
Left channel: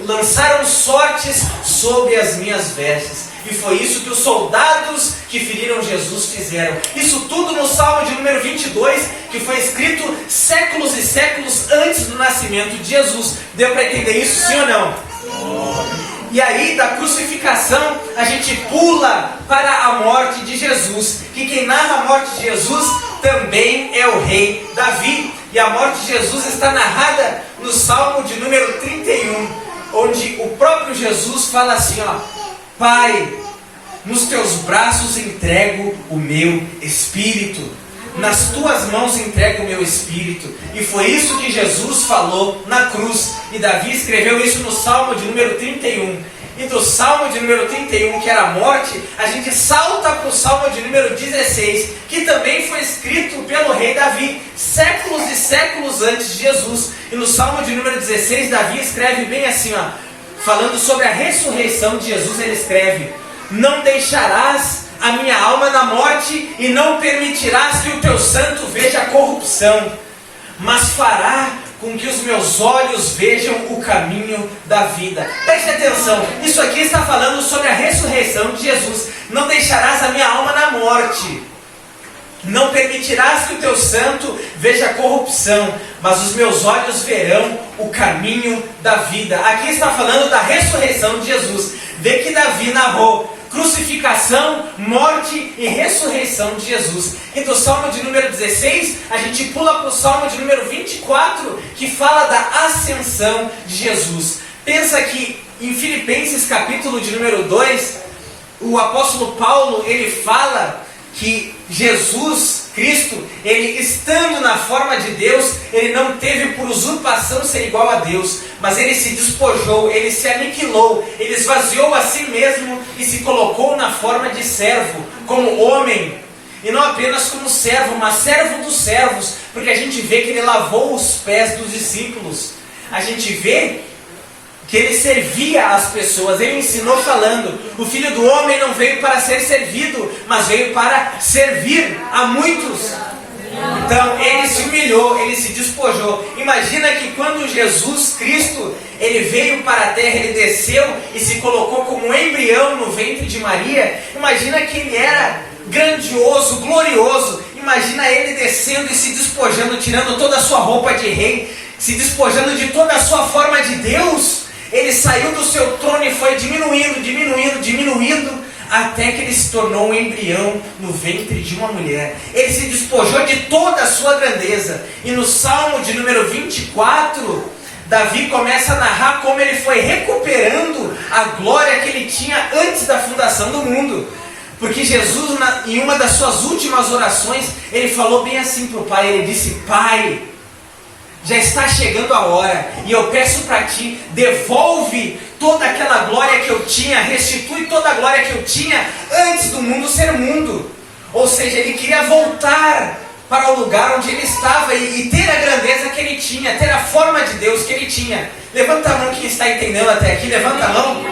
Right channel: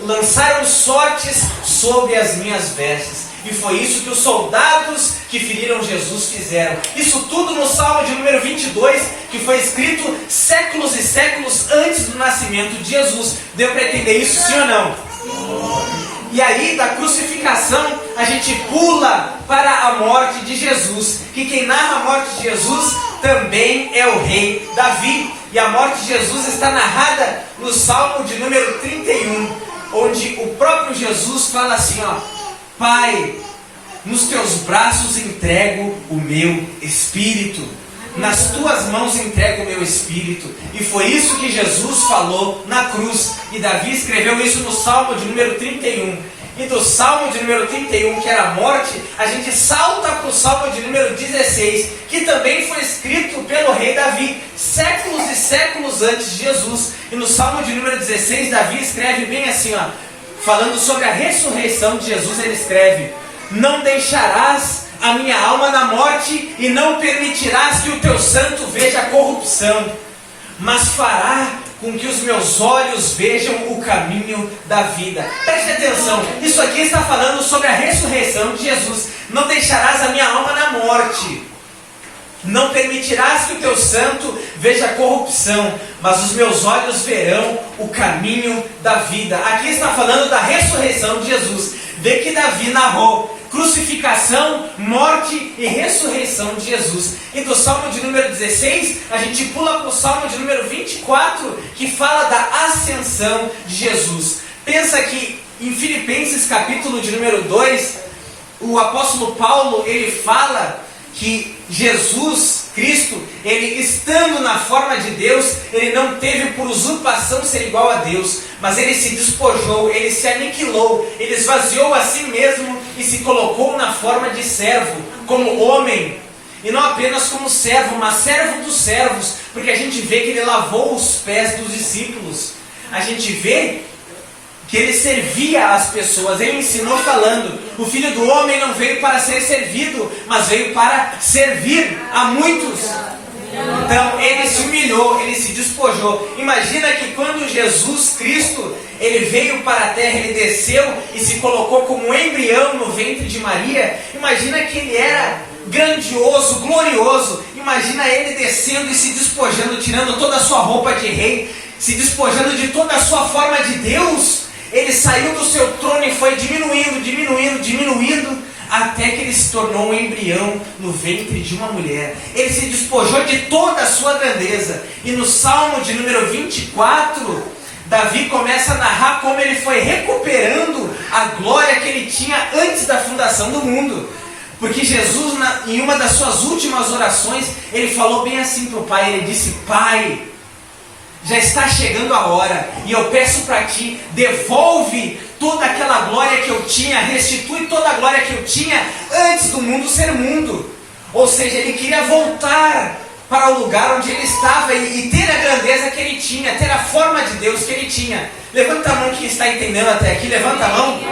lançaram sortes sobre as minhas vestes. E foi isso que os soldados que feriram Jesus fizeram. Isso tudo no Salmo de número 22, que foi escrito séculos e séculos antes do nascimento de Jesus. Deu para entender isso, sim ou não? E aí, da crucificação, a gente pula para a morte de Jesus. Que quem narra a morte de Jesus também é o rei Davi. E a morte de Jesus está narrada no Salmo de número 31, onde o próprio Jesus fala assim, ó: Pai, nos teus braços entrego o meu espírito. Nas tuas mãos entrego o meu espírito. E foi isso que Jesus falou na cruz. E Davi escreveu isso no Salmo de número 31. E do Salmo de número 31, que era a morte, a gente salta para o Salmo de número 16, que também foi escrito pelo rei Davi, séculos e séculos antes de Jesus. E no Salmo de número 16, Davi escreve bem assim, ó, falando sobre a ressurreição de Jesus, ele escreve: não deixarás a minha alma na morte, e não permitirás que o teu santo veja a corrupção, mas fará com que os meus olhos vejam o caminho da vida. Preste atenção, isso aqui está falando sobre a ressurreição de Jesus. Não deixarás a minha alma na morte, não permitirás que o teu santo veja a corrupção, mas os meus olhos verão o caminho da vida. Aqui está falando da ressurreição de Jesus. Vê que Davi narrou crucificação, morte e ressurreição de Jesus. E do Salmo de número 16, a gente pula para o Salmo de número 24, que fala da ascensão de Jesus. Pensa que em Filipenses capítulo de número 2, o apóstolo Paulo, ele fala que Jesus Cristo, ele estando na forma de Deus, ele não teve por usurpação ser igual a Deus, mas ele se despojou, ele se aniquilou, ele esvaziou a si mesmo e se colocou na forma de servo, como homem, e não apenas como servo, mas servo dos servos, porque a gente vê que ele lavou os pés dos discípulos, a gente vê que ele servia as pessoas. Ele ensinou falando: o Filho do Homem não veio para ser servido, mas veio para servir a muitos. Então ele se humilhou, ele se despojou. Imagina que quando Jesus Cristo, ele veio para a terra, ele desceu e se colocou como um embrião no ventre de Maria. Imagina que ele era grandioso, glorioso. Imagina ele descendo e se despojando, tirando toda a sua roupa de rei, se despojando de toda a sua forma de Deus. Ele saiu do seu trono e foi diminuindo, até que ele se tornou um embrião no ventre de uma mulher. Ele se despojou de toda a sua grandeza. E no Salmo de número 24, Davi começa a narrar como ele foi recuperando a glória que ele tinha antes da fundação do mundo. Porque Jesus, em uma das suas últimas orações, ele falou bem assim para o Pai. Ele disse: Pai, já está chegando a hora, e eu peço para ti, devolve toda aquela glória que eu tinha, restitui toda a glória que eu tinha antes do mundo ser mundo. Ou seja, ele queria voltar para o lugar onde ele estava e ter a grandeza que ele tinha, ter a forma de Deus que ele tinha. Levanta a mão quem está entendendo até aqui, levanta a mão.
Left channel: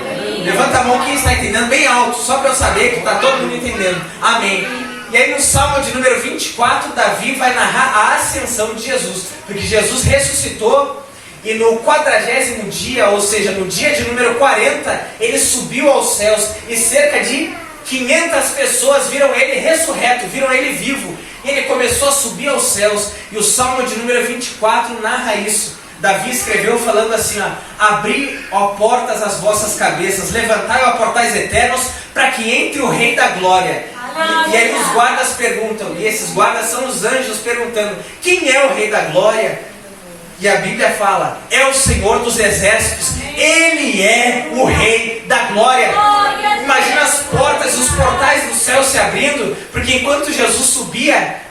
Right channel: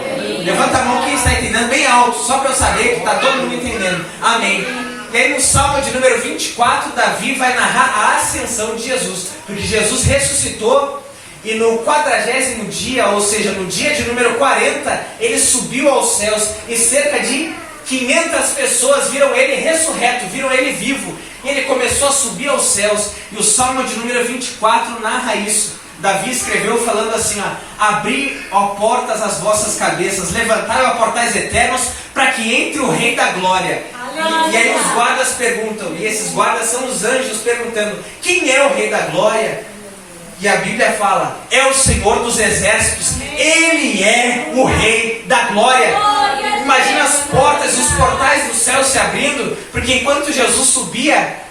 Levanta a mão quem está entendendo bem alto, só para eu saber que está todo mundo entendendo. Amém. E aí no Salmo de número 24, Davi vai narrar a ascensão de Jesus, porque Jesus ressuscitou e no 40º dia, ou seja, no dia de número 40, ele subiu aos céus e cerca de 500 pessoas viram ele ressurreto, viram ele vivo. E ele começou a subir aos céus. E o Salmo de número 24 narra isso. Davi escreveu falando assim, ó: abri, ó portas, as vossas cabeças, levantai, ó portais eternos, para que entre o Rei da Glória. E aí os guardas perguntam, e esses guardas são os anjos perguntando: quem é o Rei da Glória? E a Bíblia fala: é o Senhor dos Exércitos, Ele é o Rei da Glória. Imagina as portas, os portais do céu se abrindo, porque enquanto Jesus subia,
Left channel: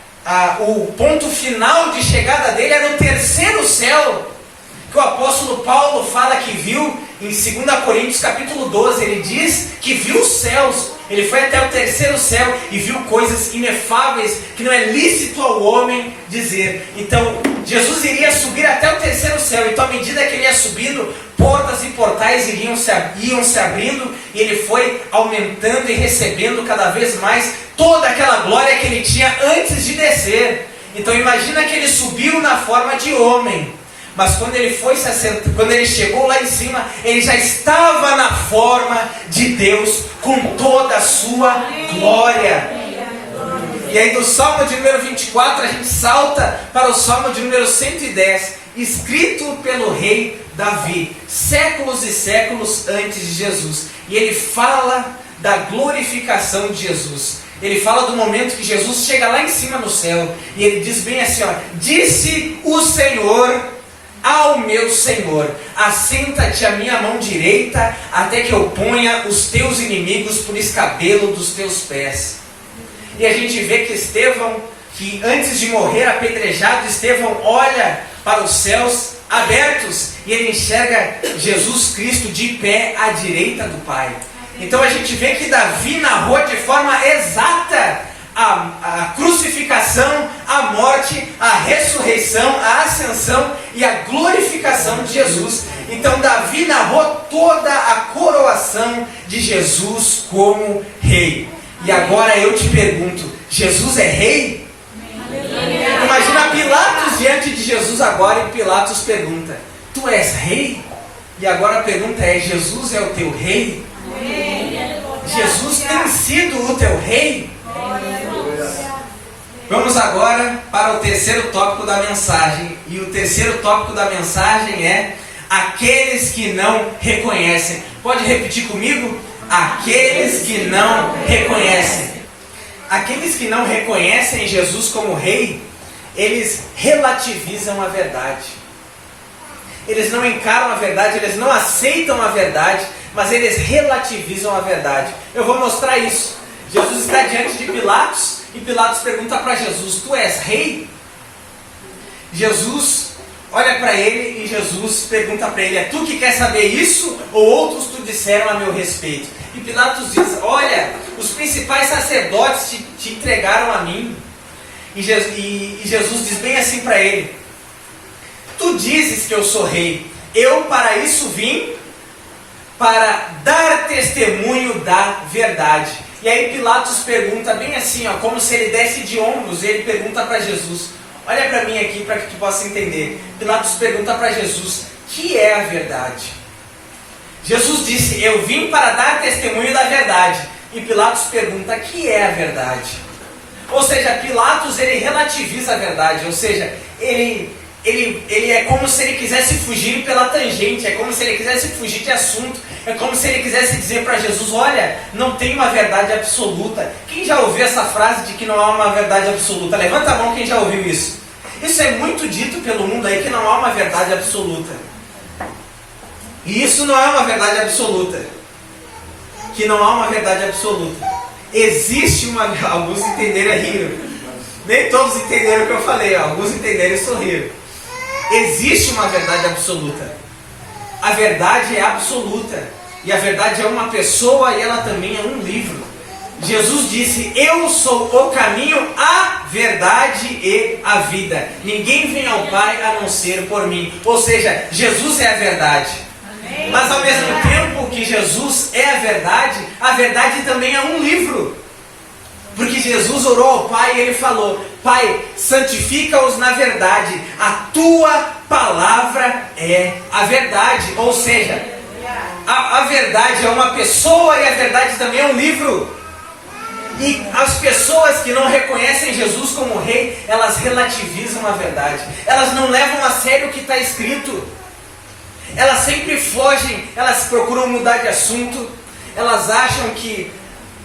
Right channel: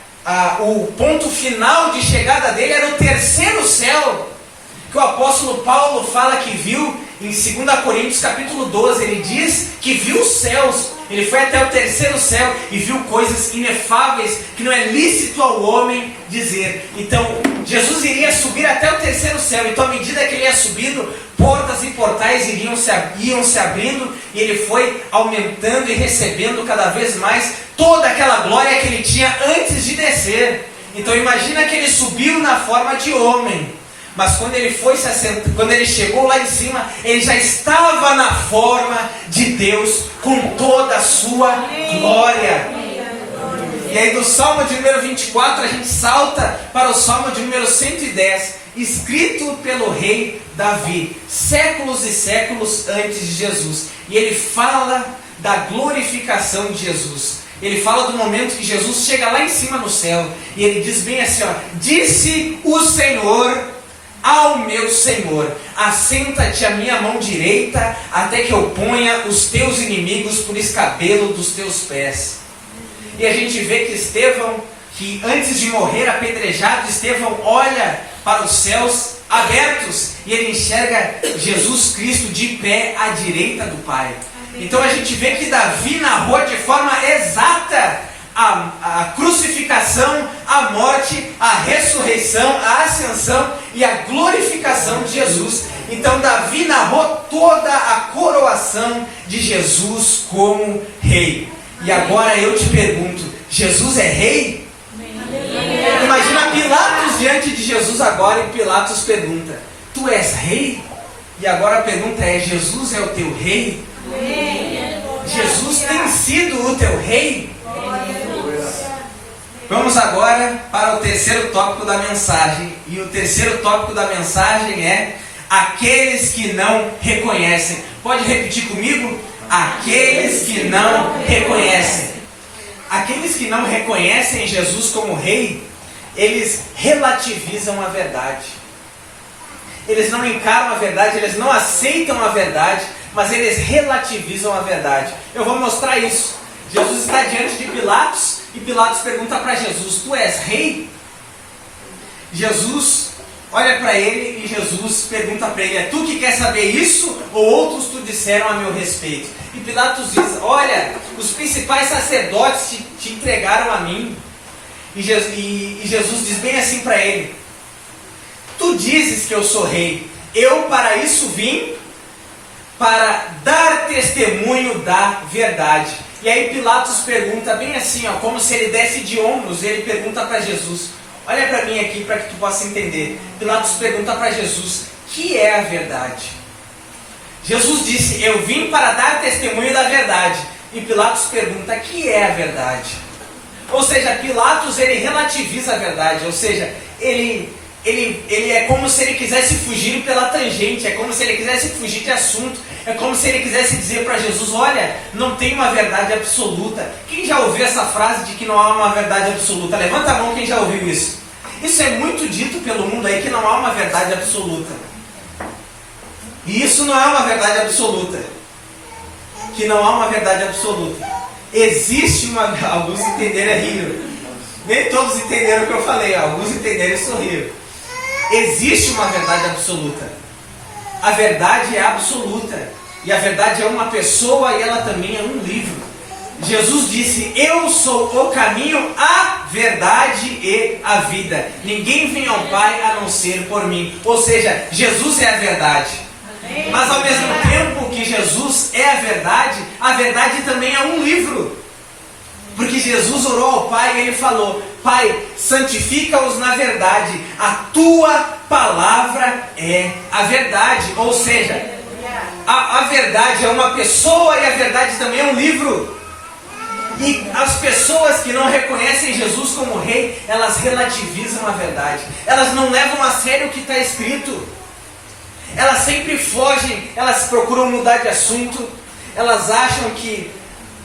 o ponto final de chegada dele era no terceiro céu, que o apóstolo Paulo fala que viu em 2 Coríntios capítulo 12, ele diz que viu os céus, ele foi até o terceiro céu e viu coisas inefáveis que não é lícito ao homem dizer. Então Jesus iria subir até o terceiro céu, então à medida que ele ia subindo, portas e portais iam se abrindo, e ele foi aumentando e recebendo cada vez mais toda aquela glória que ele tinha antes de descer. Então imagina que ele subiu na forma de homem, mas quando ele foi se assentar, quando ele chegou lá em cima, ele já estava na forma de Deus, com toda a sua glória. E aí do Salmo de número 24 a gente salta para o Salmo de número 110, escrito pelo rei Davi, séculos e séculos antes de Jesus. E ele fala da glorificação de Jesus. Ele fala do momento que Jesus chega lá em cima no céu, e ele diz bem assim, ó: disse o Senhor ao meu Senhor: assenta-te à minha mão direita, até que eu ponha os teus inimigos por escabelo dos teus pés. E a gente vê que Estevão, que antes de morrer apedrejado, Estevão olha para os céus abertos e ele enxerga Jesus Cristo de pé à direita do Pai. Então a gente vê que Davi narrou de forma exata a crucificação, a morte, a ressurreição, a ascensão e a glorificação de Jesus. Então Davi narrou toda a coroação de Jesus como rei. E agora eu te pergunto: Jesus é rei? Imagina Pilatos diante de Jesus agora, e Pilatos pergunta: tu és rei? E agora a pergunta é: Jesus é o teu rei? Jesus tem sido o teu rei? Vamos agora para o terceiro tópico da mensagem. E o terceiro tópico da mensagem é: aqueles que não reconhecem. Pode repetir comigo? Aqueles que não reconhecem. Aqueles que não reconhecem Jesus como rei, eles relativizam a verdade. Eles não encaram a verdade, eles não aceitam a verdade, mas eles relativizam a verdade. Eu vou mostrar isso. Jesus está diante de Pilatos, e Pilatos pergunta para Jesus: tu és rei? Jesus olha para ele e Jesus pergunta para ele: é tu que quer saber isso, ou outros te disseram a meu respeito? E Pilatos diz: olha, os principais sacerdotes te entregaram a mim. E Jesus diz bem assim para ele: tu dizes que eu sou rei, eu para isso vim, para dar testemunho da verdade. E aí Pilatos pergunta bem assim, ó, como se ele desse de ombros, e ele pergunta para Jesus: olha para mim aqui para que tu possa entender. Pilatos pergunta para Jesus: que é a verdade? Jesus disse: eu vim para dar testemunho da verdade. E Pilatos pergunta: que é a verdade? Ou seja, Pilatos ele relativiza a verdade, ou seja, ele é como se ele quisesse fugir pela tangente, é como se ele quisesse fugir de assunto, é como se ele quisesse dizer para Jesus: olha, não tem uma verdade absoluta. Quem já ouviu essa frase de que não há uma verdade absoluta? Levanta a mão quem já ouviu isso. Isso é muito dito pelo mundo aí, que não há uma verdade absoluta. E isso não é uma verdade absoluta. Que não há uma verdade absoluta. Existe uma... Alguns entenderam e riram. Nem todos entenderam o que eu falei, alguns entenderam e sorriram. Existe uma verdade absoluta. A verdade é absoluta. E a verdade é uma pessoa, e ela também é um livro. Jesus disse: eu sou o caminho, a verdade e a vida. Ninguém vem ao Pai a não ser por mim. Ou seja, Jesus é a verdade. Mas ao mesmo tempo que Jesus é a verdade também é um livro. Porque Jesus orou ao Pai e Ele falou: Pai, santifica-os na verdade, a Tua palavra é a verdade. Ou seja, a verdade é uma pessoa e a verdade também é um livro. E as pessoas que não reconhecem Jesus como Rei, elas relativizam a verdade. Elas não levam a sério o que está escrito. Elas sempre fogem, elas procuram mudar de assunto. Elas acham que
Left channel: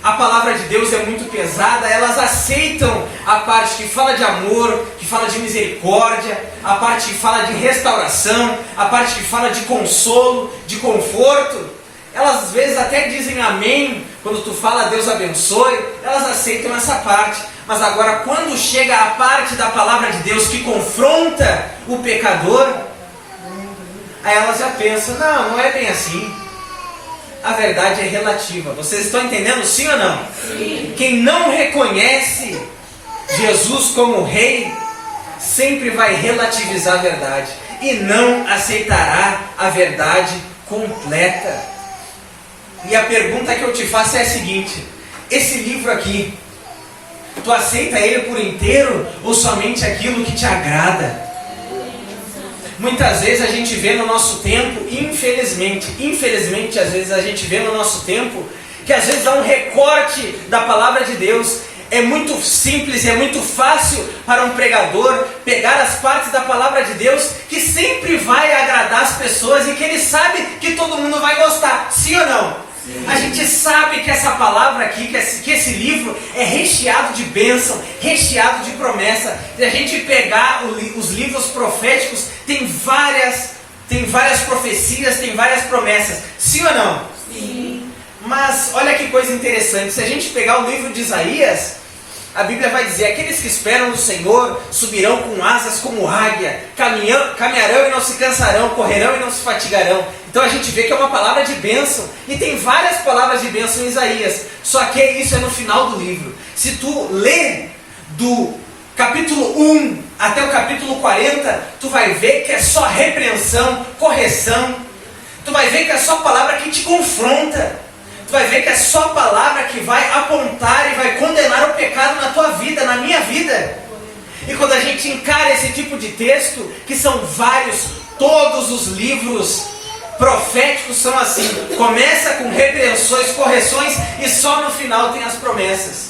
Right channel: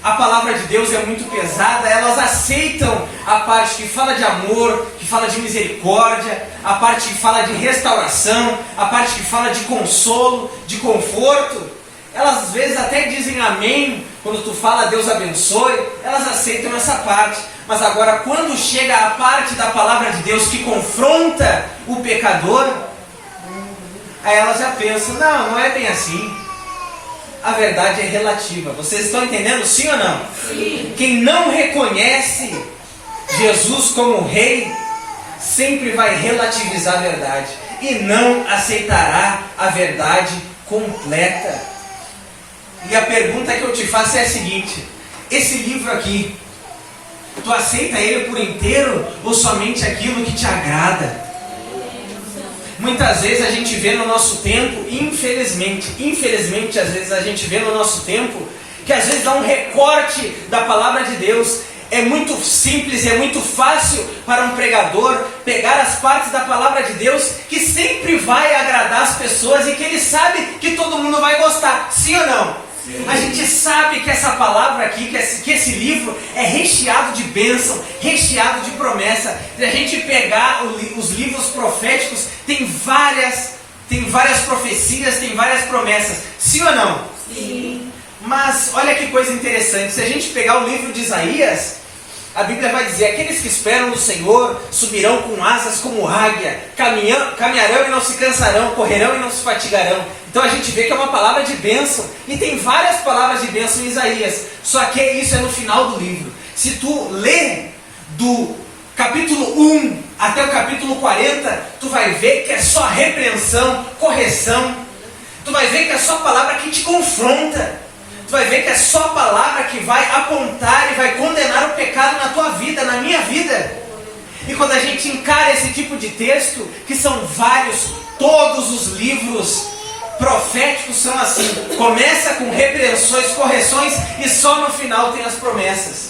a palavra de Deus é muito pesada. Elas aceitam a parte que fala de amor, que fala de misericórdia, a parte que fala de restauração, a parte que fala de consolo, de conforto. Elas às vezes até dizem amém, quando tu fala Deus abençoe, elas aceitam essa parte. Mas agora quando chega a parte da palavra de Deus que confronta o pecador, aí elas já pensam, não é bem assim. A verdade é relativa. Vocês estão entendendo, sim ou não? Sim. Quem não reconhece Jesus como Rei, sempre vai relativizar a verdade e não aceitará a verdade completa. E a pergunta que eu te faço é a seguinte: esse livro aqui, tu aceita ele por inteiro ou somente aquilo que te agrada? Muitas vezes a gente vê no nosso tempo, infelizmente às vezes a gente vê no nosso tempo, que às vezes dá um recorte da palavra de Deus. É muito simples, é muito fácil para um pregador pegar as partes da palavra de Deus que sempre vai agradar as pessoas e que ele sabe que todo mundo vai gostar, sim ou não? A gente sabe que essa palavra aqui, que esse livro é recheado de bênção, recheado de promessa. Se a gente pegar os livros proféticos, tem várias profecias, tem várias promessas. Sim ou não? Sim. Mas olha que coisa interessante, se a gente pegar o livro de Isaías, a Bíblia vai dizer: aqueles que esperam no Senhor subirão com asas como águia, caminharão e não se cansarão, correrão e não se fatigarão. Então a gente vê que é uma palavra de bênção, e tem várias palavras de bênção em Isaías, só que isso é no final do livro. Se tu ler do capítulo 1 até o capítulo 40, tu vai ver que é só repreensão, correção. Tu vai ver que é só palavra que te confronta. Tu vai ver que é só a palavra que vai apontar e vai condenar o pecado na tua vida, na minha vida. E quando a gente encara esse tipo de texto, que são vários, todos os livros proféticos são assim. Começa com repreensões, correções e só no final tem as promessas.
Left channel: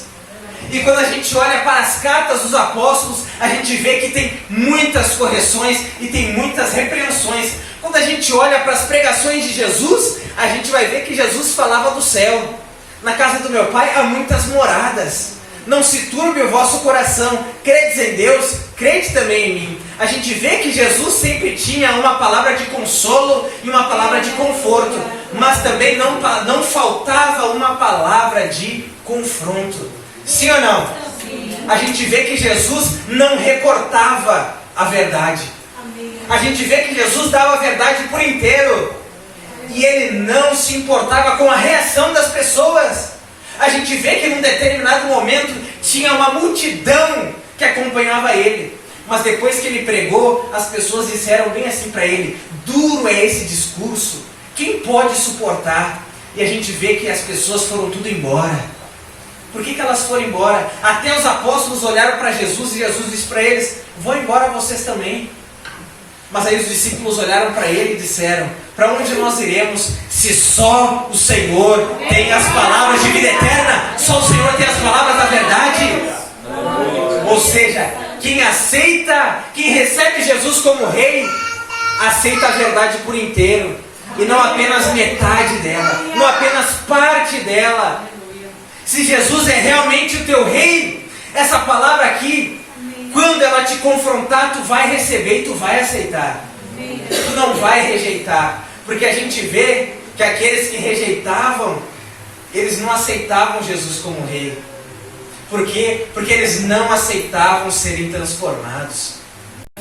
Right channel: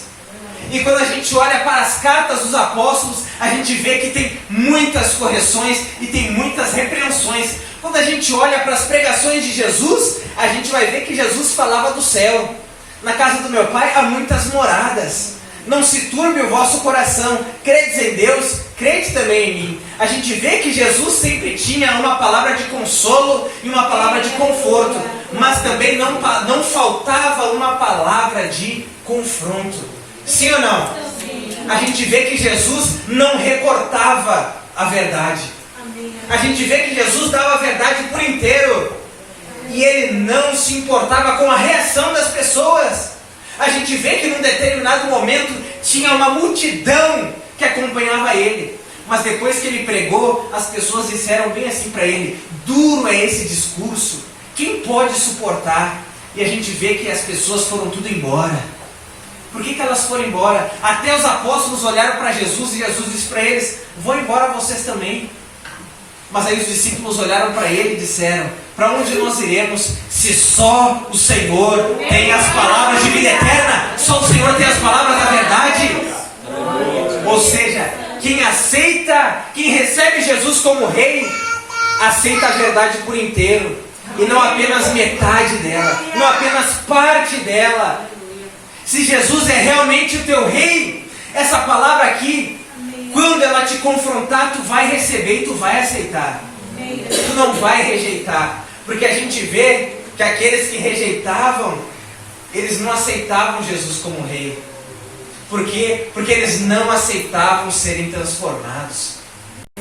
E quando a gente olha para as cartas dos apóstolos, a gente vê que tem muitas correções e tem muitas repreensões. Quando a gente olha para as pregações de Jesus, a gente vai ver que Jesus falava do céu. Na casa do meu Pai há muitas moradas. Não se turbe o vosso coração. Credes em Deus, crede também em mim. A gente vê que Jesus sempre tinha uma palavra de consolo e uma palavra de conforto. Mas também não faltava uma palavra de confronto. Sim ou não? A gente vê que Jesus não recortava a verdade. A gente vê que Jesus dava a verdade por inteiro. E ele não se importava com a reação das pessoas. A gente vê que num determinado momento tinha uma multidão que acompanhava ele. Mas depois que ele pregou, as pessoas disseram bem assim para ele: duro é esse discurso, quem pode suportar? E a gente vê que as pessoas foram tudo embora. Por que elas foram embora? Até os apóstolos olharam para Jesus e Jesus disse para eles: vão embora vocês também. Mas aí os discípulos olharam para ele e disseram: para onde nós iremos se só o Senhor tem as palavras de vida eterna? Só o Senhor tem as palavras da verdade? Ou seja, quem aceita, quem recebe Jesus como Rei, aceita a verdade por inteiro, e não apenas metade dela, não apenas parte dela. Se Jesus é realmente o teu Rei, essa palavra aqui, quando ela te confrontar, tu vai receber e tu vai aceitar. Tu não vai rejeitar. Porque a gente vê que aqueles que rejeitavam, eles não aceitavam Jesus como Rei. Por quê? Porque eles não aceitavam serem transformados.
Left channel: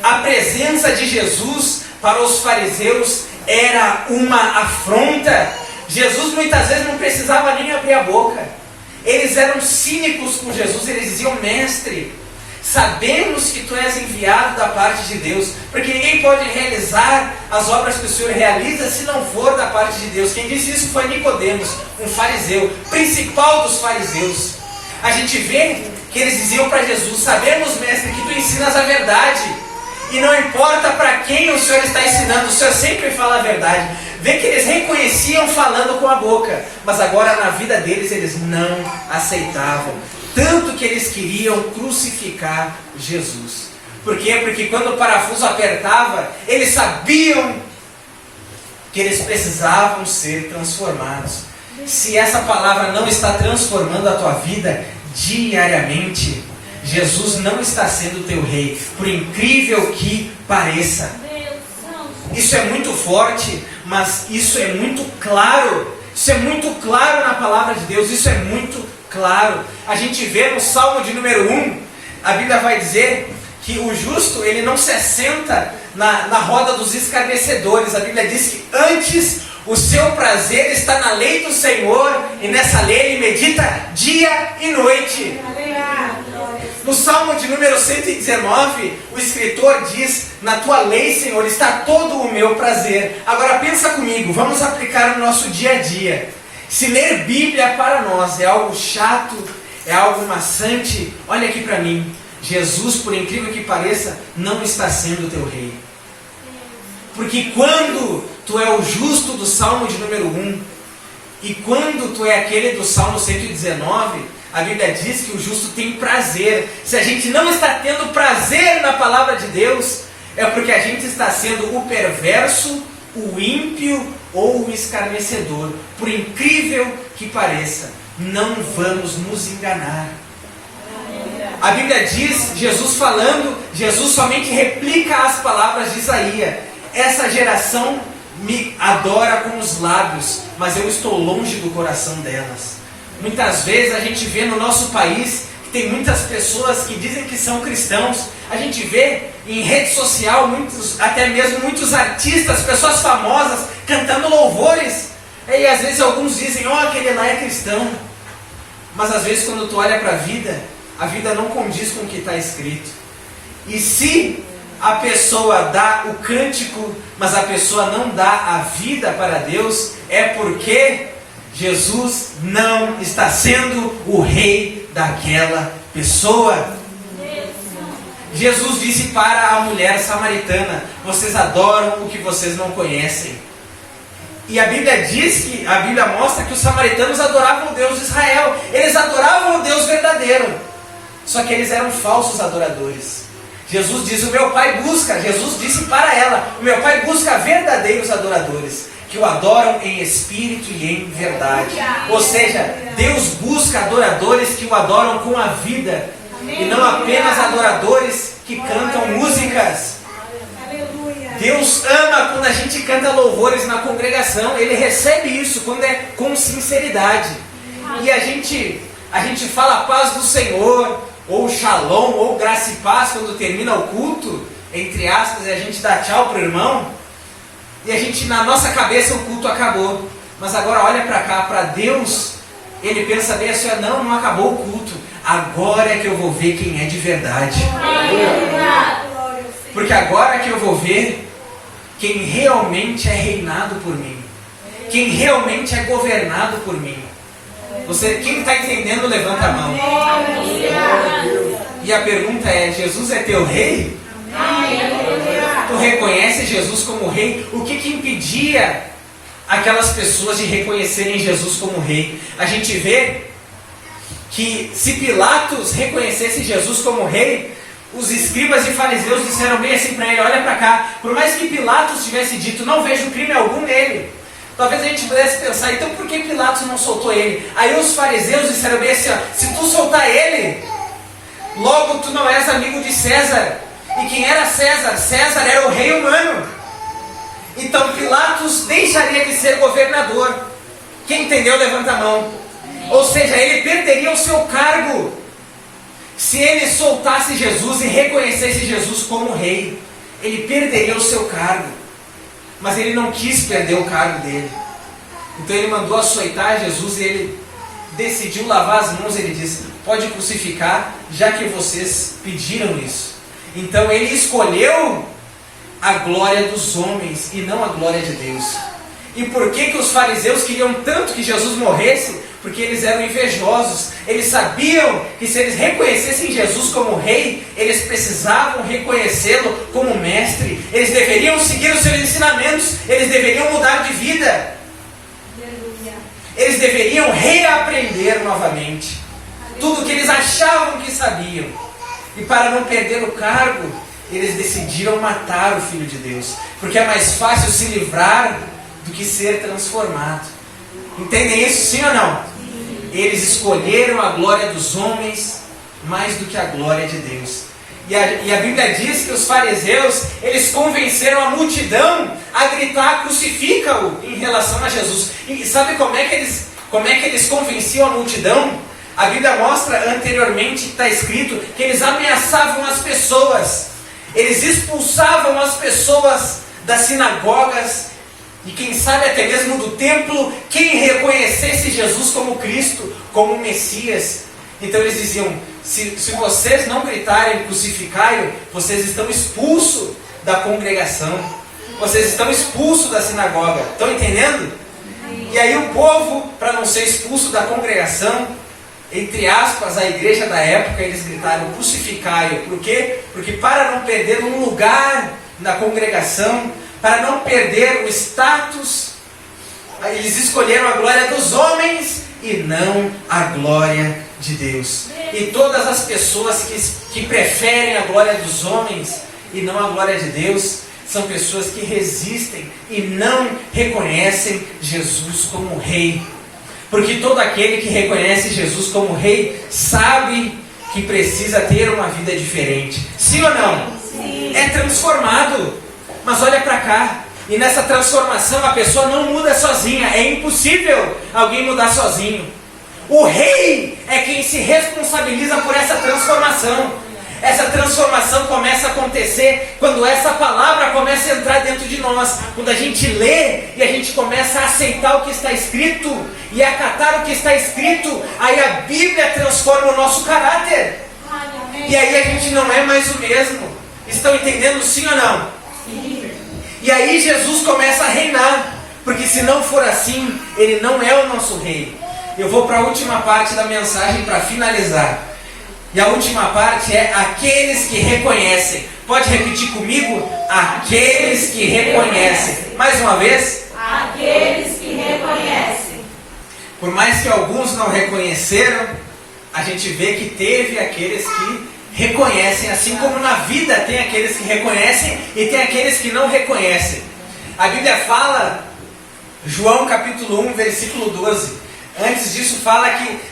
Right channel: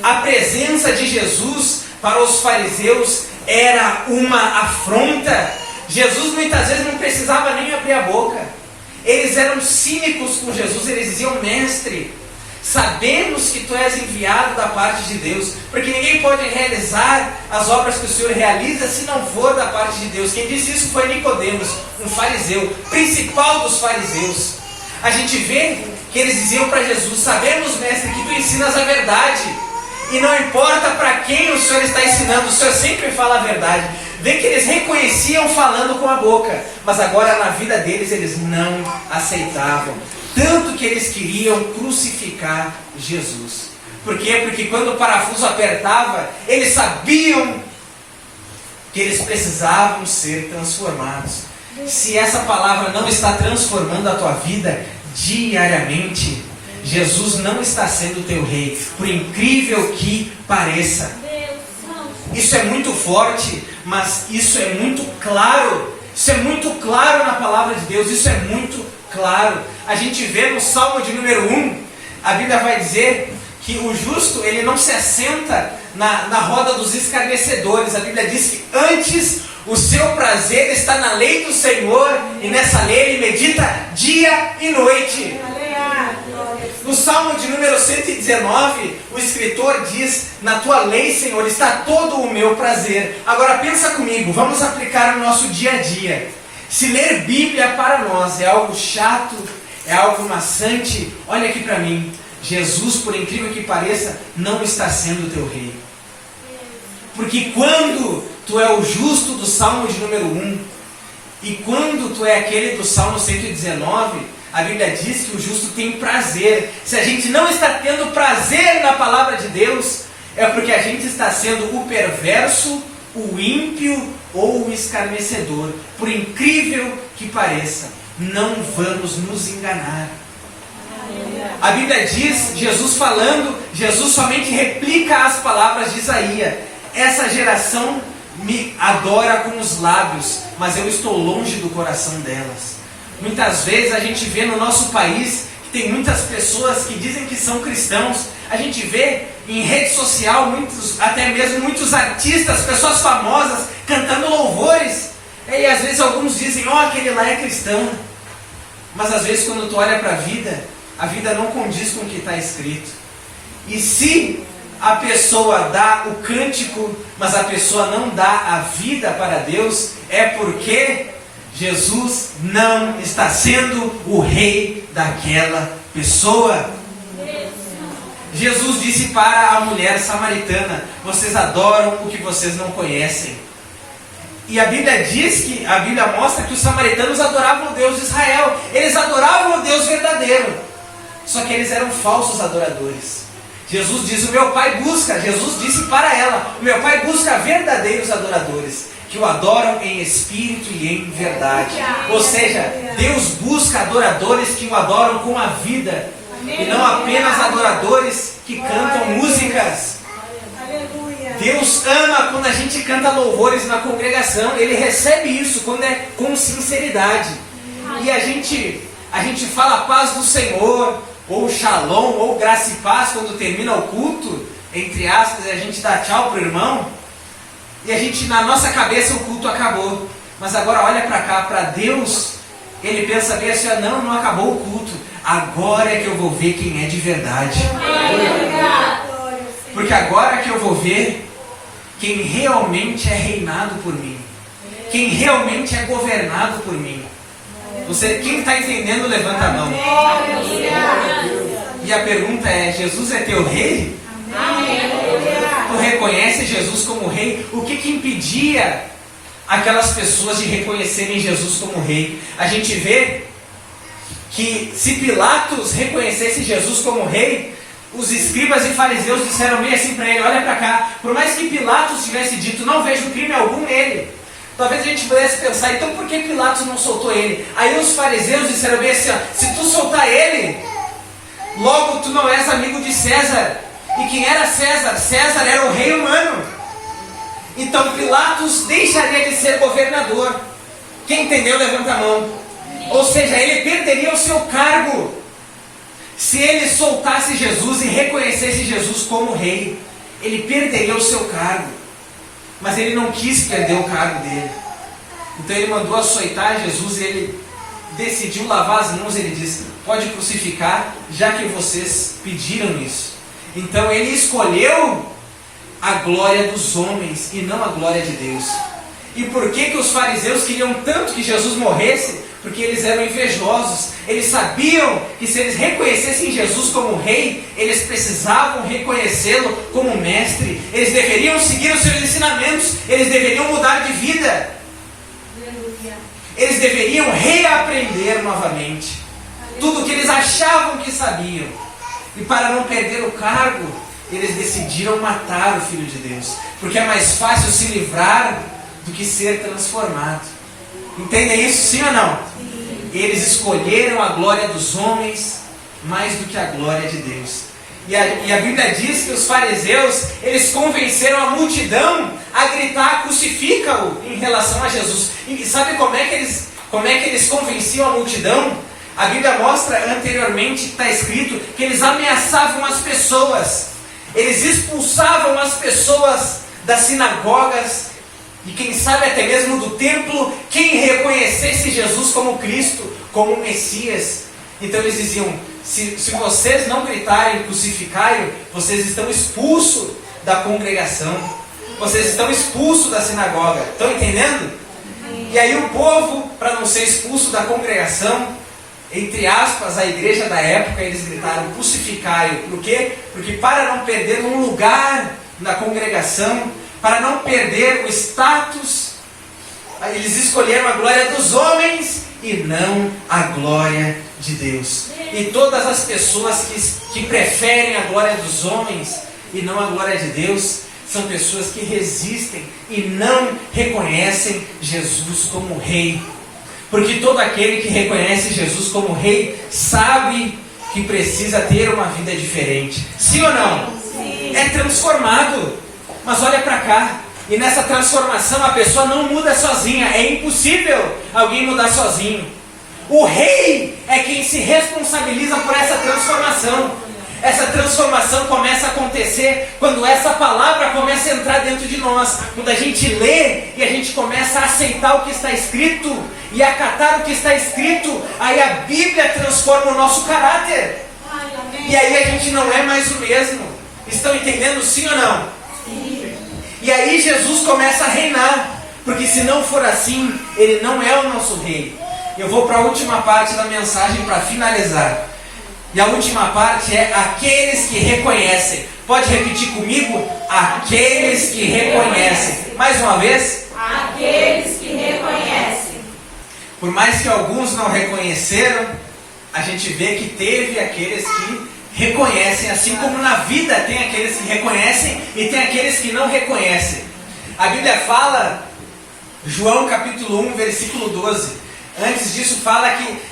A presença de Jesus para os fariseus era uma afronta. Jesus muitas vezes não precisava nem abrir a boca. Eles eram cínicos com Jesus, eles diziam: mestre, sabemos que tu és enviado da parte de Deus, porque ninguém pode realizar as obras que o Senhor realiza se não for da parte de Deus. Quem disse isso foi Nicodemos, um fariseu, principal dos fariseus. A gente vê que eles diziam para Jesus: sabemos, mestre, que tu ensinas a verdade, e não importa para quem o Senhor está ensinando, o Senhor sempre fala a verdade. Vê que eles reconheciam falando com a boca, mas agora na vida deles eles não aceitavam. Tanto que eles queriam crucificar Jesus. Por quê? Porque quando o parafuso apertava, eles sabiam que eles precisavam ser transformados. Se essa palavra não está transformando a tua vida diariamente, Jesus não está sendo teu rei, por incrível que pareça. Isso é muito forte, mas isso é muito claro. Isso é muito claro na palavra de Deus. Isso é muito claro. A gente vê no Salmo de número 1, a Bíblia vai dizer que o justo, ele não se assenta na roda dos escarnecedores. A Bíblia diz que antes o seu prazer está na lei do Senhor, e nessa lei ele medita dia e noite. No Salmo de número 119, o escritor diz: na tua lei, Senhor, está todo o meu prazer. Agora pensa comigo, vamos aplicar no nosso dia a dia. Se ler Bíblia para nós é algo chato, é algo maçante, olha aqui para mim. Jesus, por incrível que pareça, não está sendo teu rei. Porque quando tu é o justo do Salmo de número 1, e quando tu é aquele do Salmo 119, a Bíblia diz que o justo tem prazer. Se a gente não está tendo prazer na palavra de Deus, é porque a gente está sendo o perverso, o ímpio ou o escarnecedor. Por incrível que pareça, não vamos nos enganar. A Bíblia diz, Jesus falando, Jesus somente replica as palavras de Isaías: essa geração me adora com os lábios, mas eu estou longe do coração delas. Muitas vezes a gente vê no nosso país que tem muitas pessoas que dizem que são cristãos. A gente vê em rede social, até mesmo muitos artistas, pessoas famosas, cantando louvores. E às vezes alguns dizem: ó, aquele lá é cristão. Mas às vezes quando tu olha para a vida não condiz com o que está escrito. E se a pessoa dá o cântico, mas a pessoa não dá a vida para Deus, é porque Jesus não está sendo o rei daquela pessoa. Jesus disse para a mulher samaritana: vocês adoram o que vocês não conhecem. E a Bíblia diz que, a Bíblia mostra que os samaritanos adoravam o Deus de Israel. Eles adoravam o Deus verdadeiro. Só que eles eram falsos adoradores. Jesus diz: o meu Pai busca, Jesus disse para ela: o meu Pai busca verdadeiros adoradores, que o adoram em espírito e em verdade. Ou seja, Deus busca adoradores que o adoram com a vida, e não apenas adoradores que cantam músicas. Deus ama quando a gente canta louvores na congregação. Ele recebe isso quando é com sinceridade. E a gente fala a paz do Senhor, ou shalom, ou graça e paz quando termina o culto, entre aspas, e a gente dá tchau pro irmão. E a gente, na nossa cabeça, o culto acabou. Mas agora olha para cá, para Deus, Ele pensa bem assim: não acabou o culto. Agora é que eu vou ver quem é de verdade. Porque agora é que eu vou ver quem realmente é reinado por mim, quem realmente é governado por mim. Quem está entendendo, levanta a mão. E a pergunta é: Jesus é teu rei? Tu reconhece Jesus como rei? O que impedia aquelas pessoas de reconhecerem Jesus como rei? A gente vê que se Pilatos reconhecesse Jesus como rei, os escribas e fariseus disseram bem assim para ele: olha para cá, por mais que Pilatos tivesse dito, não vejo crime algum nele. Talvez a gente pudesse pensar: então por que Pilatos não soltou ele? Aí os fariseus disseram bem assim: se tu soltar ele, logo tu não és amigo de César. E quem era César? César era o rei humano. Então Pilatos deixaria de ser governador. Quem entendeu, levanta a mão. Ou seja, ele perderia o seu cargo se ele soltasse Jesus e reconhecesse Jesus como rei. Ele perderia o seu cargo. Mas ele não quis perder o cargo dele. Então ele mandou açoitar Jesus e decidiu lavar as mãos, ele disse: pode crucificar, já que vocês pediram isso. Então ele escolheu a glória dos homens e não a glória de Deus. E por que os fariseus queriam tanto que Jesus morresse? Porque eles eram invejosos. Eles sabiam que se eles reconhecessem Jesus como rei, eles precisavam reconhecê-lo como mestre. Eles deveriam seguir os seus ensinamentos. Eles deveriam mudar de vida. Eles deveriam reaprender novamente tudo que eles achavam que sabiam. E para não perder o cargo, eles decidiram matar o Filho de Deus, porque é mais fácil se livrar do que ser transformado. Entendem isso, sim ou não? Sim. Eles escolheram a glória dos homens mais do que a glória de Deus. E a Bíblia diz que os fariseus, eles convenceram a multidão a gritar: crucifica-o, em relação a Jesus. E sabe como é que eles convenciam a multidão? A Bíblia mostra anteriormente que está escrito que eles ameaçavam as pessoas. Eles expulsavam as pessoas das sinagogas e quem sabe até mesmo do templo, quem reconhecesse Jesus como Cristo, como Messias. Então eles diziam: se vocês não gritarem crucificai-o, vocês estão expulsos da congregação, vocês estão expulsos da sinagoga. Estão entendendo? E aí o povo, para não ser expulso da congregação, entre aspas, a igreja da época, eles gritaram crucificai-o. Por quê? Porque para não perder um lugar na congregação, para não perder o status, eles escolheram a glória dos homens e não a glória de Deus. E todas as pessoas que preferem a glória dos homens e não a glória de Deus, são pessoas que resistem e não reconhecem Jesus como Rei. Porque todo aquele que reconhece Jesus como Rei sabe que precisa ter uma vida diferente. Sim ou não? Sim. É transformado. Mas olha para cá. E nessa transformação a pessoa não muda sozinha. É impossível alguém mudar sozinho. O Rei é quem se responsabiliza por essa transformação. Essa transformação começa a acontecer quando essa palavra começa a entrar dentro de nós. Quando a gente lê e a gente começa a aceitar o que está escrito e acatar o que está escrito, aí a Bíblia transforma o nosso caráter. E aí a gente não é mais o mesmo. Estão entendendo, sim ou não? Sim. E aí Jesus começa a reinar. Porque se não for assim, Ele não é o nosso Rei. Eu vou para a última parte da mensagem para finalizar. E a última parte é aqueles que reconhecem. Pode repetir comigo? Aqueles que reconhecem. Mais uma vez. Aqueles que reconhecem. Por mais que alguns não reconheceram, a gente vê que teve aqueles que reconhecem. Assim como na vida tem aqueles que reconhecem e tem aqueles que não reconhecem. A Bíblia fala, João capítulo 1, versículo 12. Antes disso fala que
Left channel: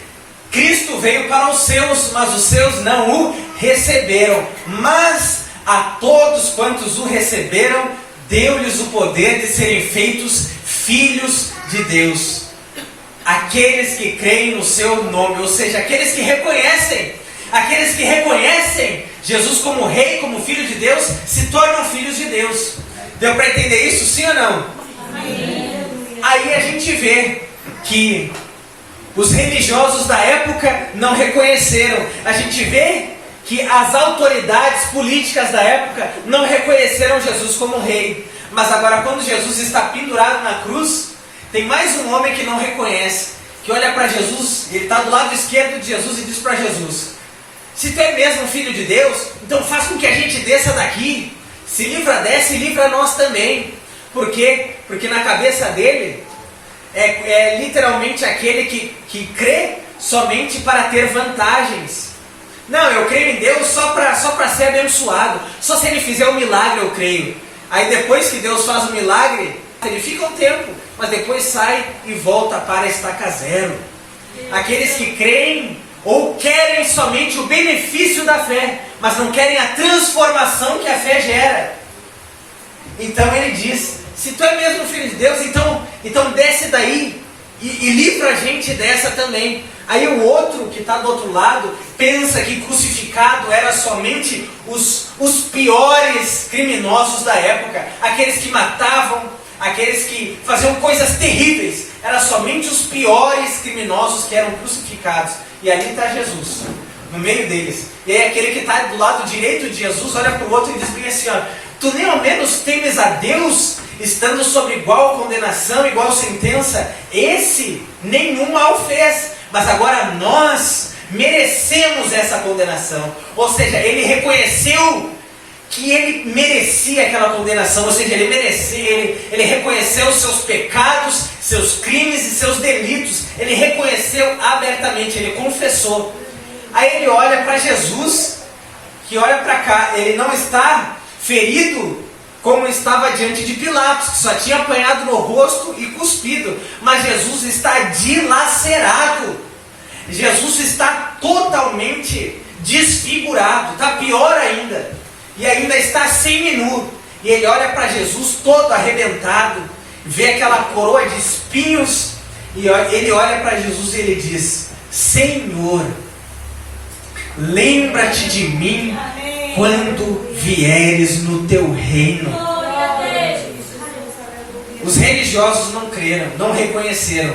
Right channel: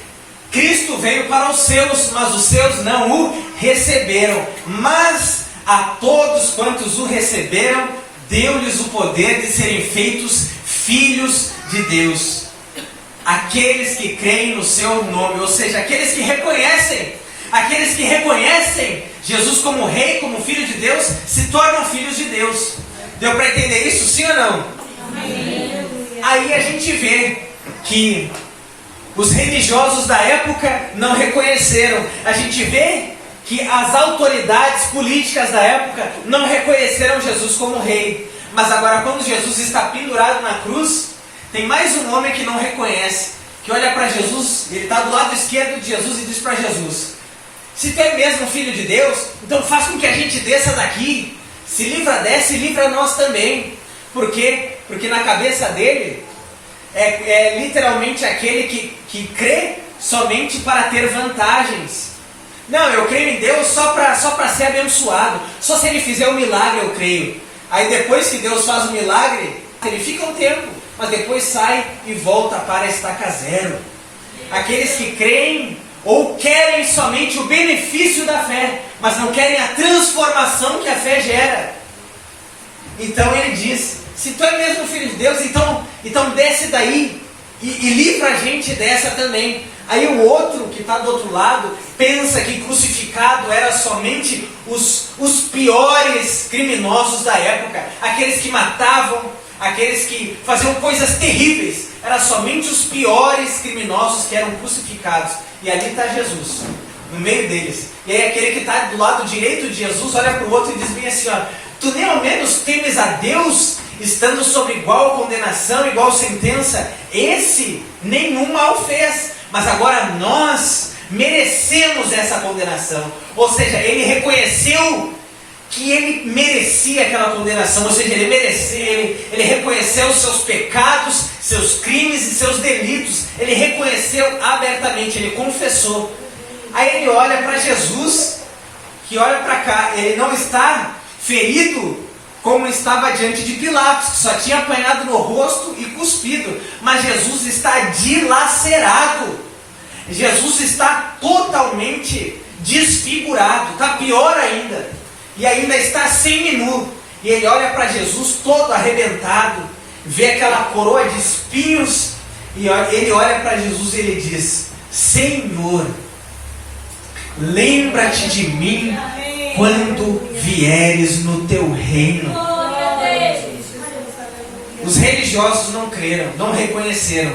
Cristo veio para os seus, mas os seus não o receberam. Mas a todos quantos o receberam, deu-lhes o poder de serem feitos filhos de Deus. Aqueles que creem no seu nome, ou seja, aqueles que reconhecem Jesus como Rei, como Filho de Deus, se tornam filhos de Deus. Deu para entender isso, sim ou não? Amém. Aí a gente vê que os religiosos da época não reconheceram. A gente vê que as autoridades políticas da época não reconheceram Jesus como Rei. Mas agora, quando Jesus está pendurado na cruz, tem mais um homem que não reconhece, que olha para Jesus, ele está do lado esquerdo de Jesus e diz para Jesus: se tu é mesmo Filho de Deus, então faz com que a gente desça daqui. Se livra dessa e livra nós também. Por quê? Porque na cabeça dele é literalmente aquele que crê somente para ter vantagens. Não, eu creio em Deus só para ser abençoado. Só se Ele fizer um milagre eu creio. Aí depois que Deus faz o milagre, ele fica um tempo, mas depois sai e volta para a estaca zero. Aqueles que creem ou querem somente o benefício da fé, mas não querem a transformação que a fé gera. Então ele diz: se tu é mesmo Filho de Deus, então desce daí e livra a gente dessa também. Aí o outro que está do outro lado pensa que crucificado era somente os piores criminosos da época, aqueles que matavam, aqueles que faziam coisas terríveis, eram somente os piores criminosos que eram crucificados. E ali está Jesus, no meio deles. E aí aquele que está do lado direito de Jesus olha para o outro e diz bem assim, ó, tu nem ao menos temes a Deus, estando sob igual condenação, igual sentença? Esse nenhum mal fez, mas agora nós merecemos essa condenação. Ou seja, ele reconheceu que ele merecia aquela condenação, ou seja, ele reconheceu os seus pecados, seus crimes e seus delitos. Ele reconheceu abertamente, ele confessou. Aí ele olha para Jesus, que olha para cá, ele não está ferido como estava diante de Pilatos, que só tinha apanhado no rosto e cuspido, mas Jesus está dilacerado. Jesus está totalmente desfigurado, está pior ainda, e ainda está semi-nu. E ele olha para Jesus todo arrebentado, vê aquela coroa de espinhos, e ele olha para Jesus e ele diz: Senhor, lembra-te de mim quando vieres no teu reino. Os religiosos não creram, não reconheceram.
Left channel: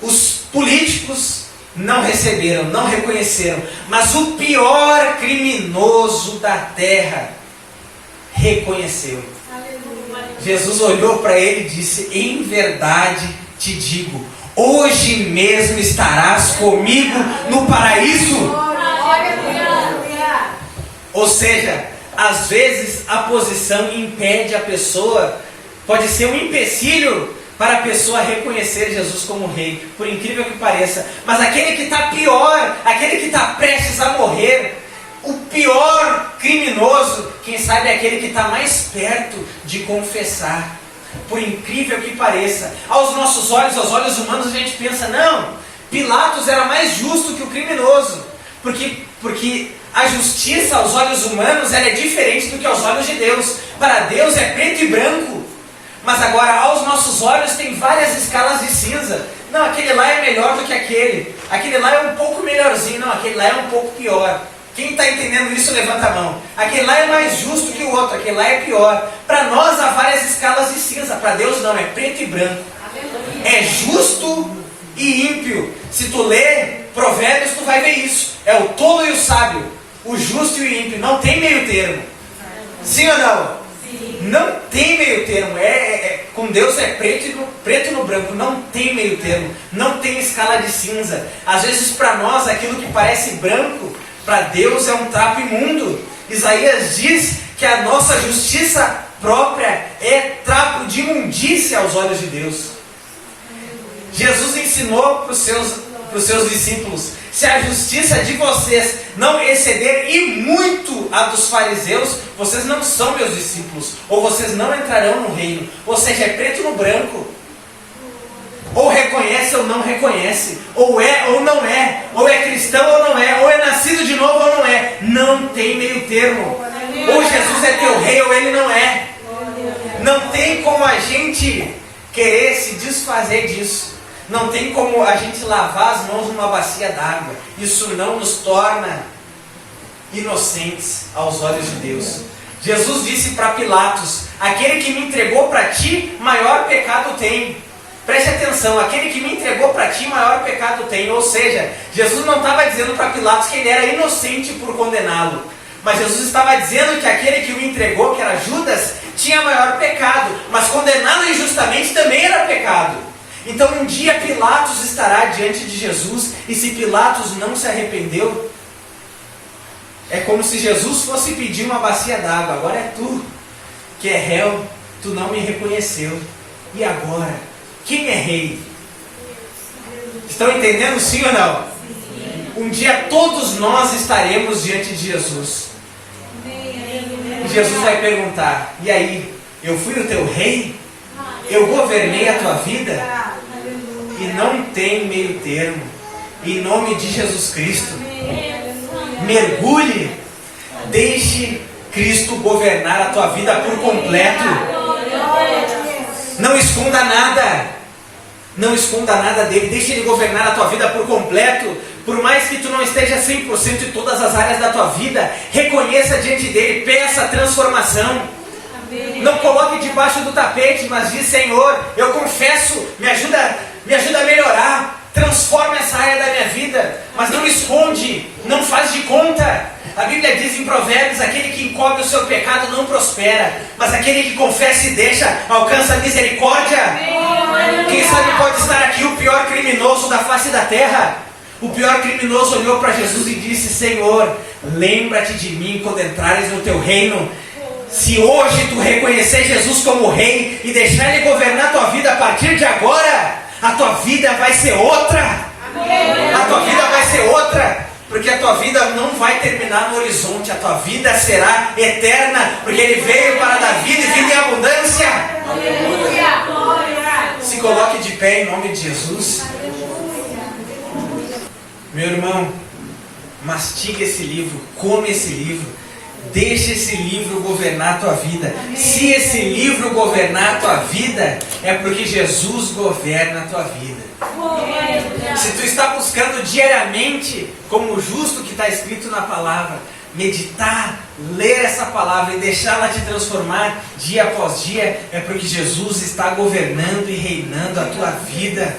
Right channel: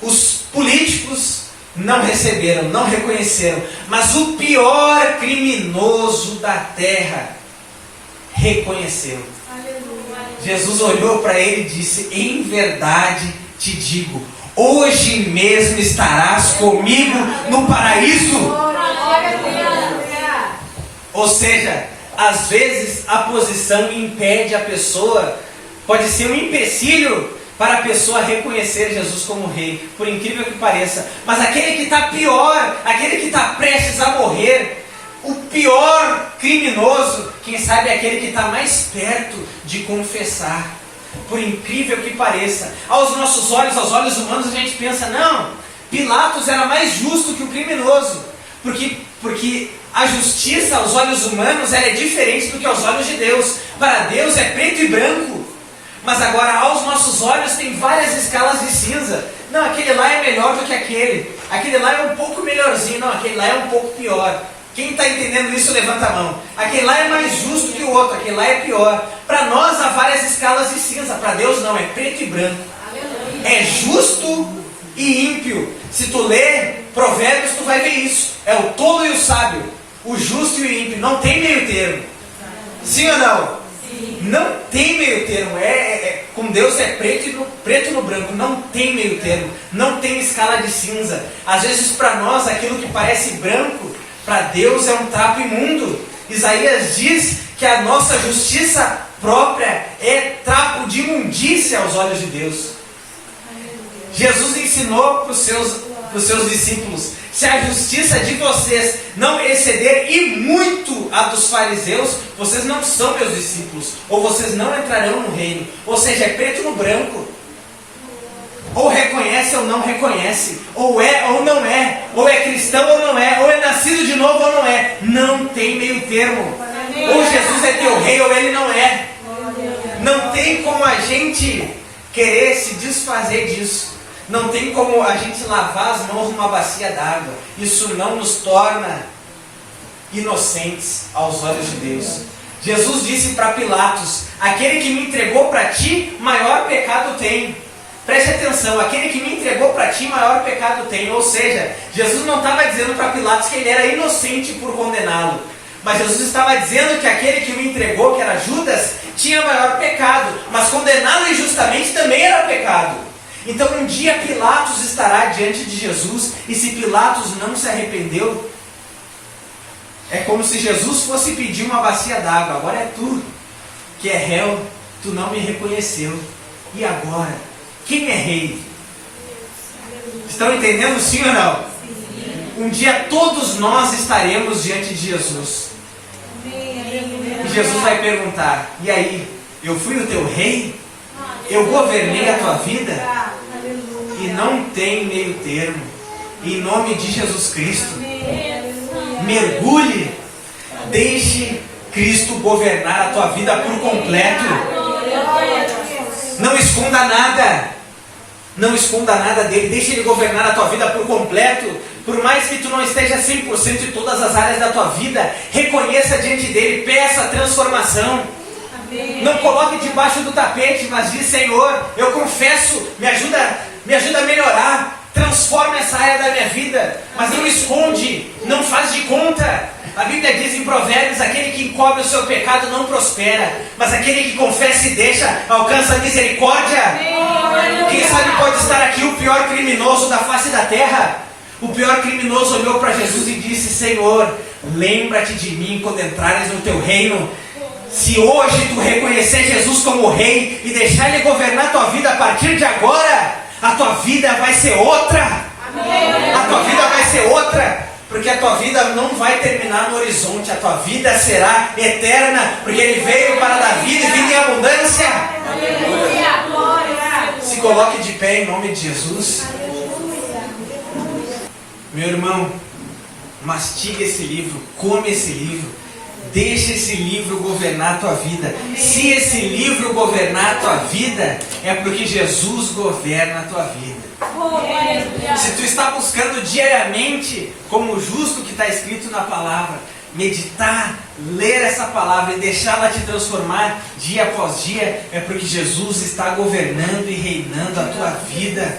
Os políticos não receberam, não reconheceram. Mas o pior criminoso da terra reconheceu. Jesus olhou para ele e disse: em verdade te digo, hoje mesmo estarás comigo no paraíso. Ou seja, às vezes a posição impede a pessoa, pode ser um empecilho para a pessoa reconhecer Jesus como rei, por incrível que pareça. Mas aquele que está pior, aquele que está prestes a morrer, o pior criminoso, quem sabe é aquele que está mais perto de confessar. Por incrível que pareça, aos nossos olhos, aos olhos humanos, a gente pensa, não, Pilatos era mais justo que o criminoso, porque a justiça aos olhos humanos ela é diferente do que aos olhos de Deus. Para Deus é preto e branco. Mas agora aos nossos olhos tem várias escalas de cinza. Não, aquele lá é melhor do que aquele. Aquele lá é um pouco melhorzinho. Não, aquele lá é um pouco pior. Quem está entendendo isso, levanta a mão. Aquele lá é mais justo que o outro. Aquele lá é pior. Para nós há várias escalas de cinza. Para Deus não, é preto e branco. É justo e ímpio. Se tu ler Provérbios, tu vai ver isso. É o tolo e o sábio, o justo e o ímpio. Não tem meio termo. Sim ou não? Sim. Não tem meio termo. Com Deus é preto no branco. Não tem meio termo. Não tem escala de cinza. Às vezes para nós aquilo que parece branco, para Deus é um trapo imundo. Isaías diz que a nossa justiça própria é trapo de imundícia aos olhos de Deus. Jesus ensinou para os seus discípulos: se a justiça de vocês não exceder e muito a dos fariseus, vocês não são meus discípulos, ou vocês não entrarão no reino. Ou seja, é preto no branco. Ou reconhece ou não reconhece, ou é ou não é, ou é cristão ou não é, ou é nascido de novo ou não é. Não tem meio termo. Ou Jesus é teu rei ou ele não é. Não tem como a gente querer se desfazer disso. Não tem como a gente lavar as mãos numa bacia d'água. Isso não nos torna inocentes aos olhos de Deus. Jesus disse para Pilatos: aquele que me entregou para ti, maior pecado tem. Preste atenção, aquele que me entregou para ti, maior pecado tem. Ou seja, Jesus não estava dizendo para Pilatos que ele era inocente por condená-lo. Mas Jesus estava dizendo que aquele que o entregou, que era Judas, tinha maior pecado. Mas condená-lo injustamente também era pecado. Então um dia Pilatos estará diante de Jesus, e se Pilatos não se arrependeu, é como se Jesus fosse pedir uma bacia d'água. Agora é tu que é réu, tu não me reconheceu. E agora? Quem é rei? Estão entendendo sim ou não? Um dia todos nós estaremos diante de Jesus. E Jesus vai perguntar: e aí, eu fui o teu rei? Eu governei a tua vida? E não tem meio termo. Em nome de Jesus Cristo, mergulhe, deixe Cristo governar a tua vida por completo. Não esconda nada. Não esconda nada dele. Deixe ele governar a tua vida por completo. Por mais que tu não esteja 100% em todas as áreas da tua vida, reconheça diante dele, peça a transformação. Não coloque debaixo do tapete, mas diz: Senhor, eu confesso, me ajuda a melhorar. Transforma essa área da minha vida, mas não esconde, não faz de conta. A Bíblia diz em Provérbios: aquele que encobre o seu pecado não prospera, mas aquele que confessa e deixa alcança a misericórdia. Quem sabe pode estar aqui o pior criminoso da face da terra. O pior criminoso olhou para Jesus e disse: Senhor, lembra-te de mim quando entrares no teu reino. Se hoje tu reconhecer Jesus como rei e deixar ele governar a tua vida a partir de agora, a tua vida vai ser outra. A tua vida vai ser outra. Porque a tua vida não vai terminar no horizonte. A tua vida será eterna. Porque Ele veio para dar vida e vida em abundância. Se coloque de pé em nome de Jesus. Meu irmão, mastiga esse livro. Come esse livro. Deixa esse livro governar a tua vida. Se esse livro governar a tua vida, é porque Jesus governa a tua vida. Se tu está buscando diariamente, como justo que está escrito na palavra, meditar, ler essa palavra e deixá-la te transformar dia após dia, é porque Jesus está governando e reinando a tua vida.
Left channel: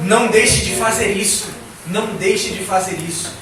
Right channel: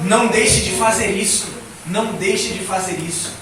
Não deixe de fazer isso. Não deixe de fazer isso.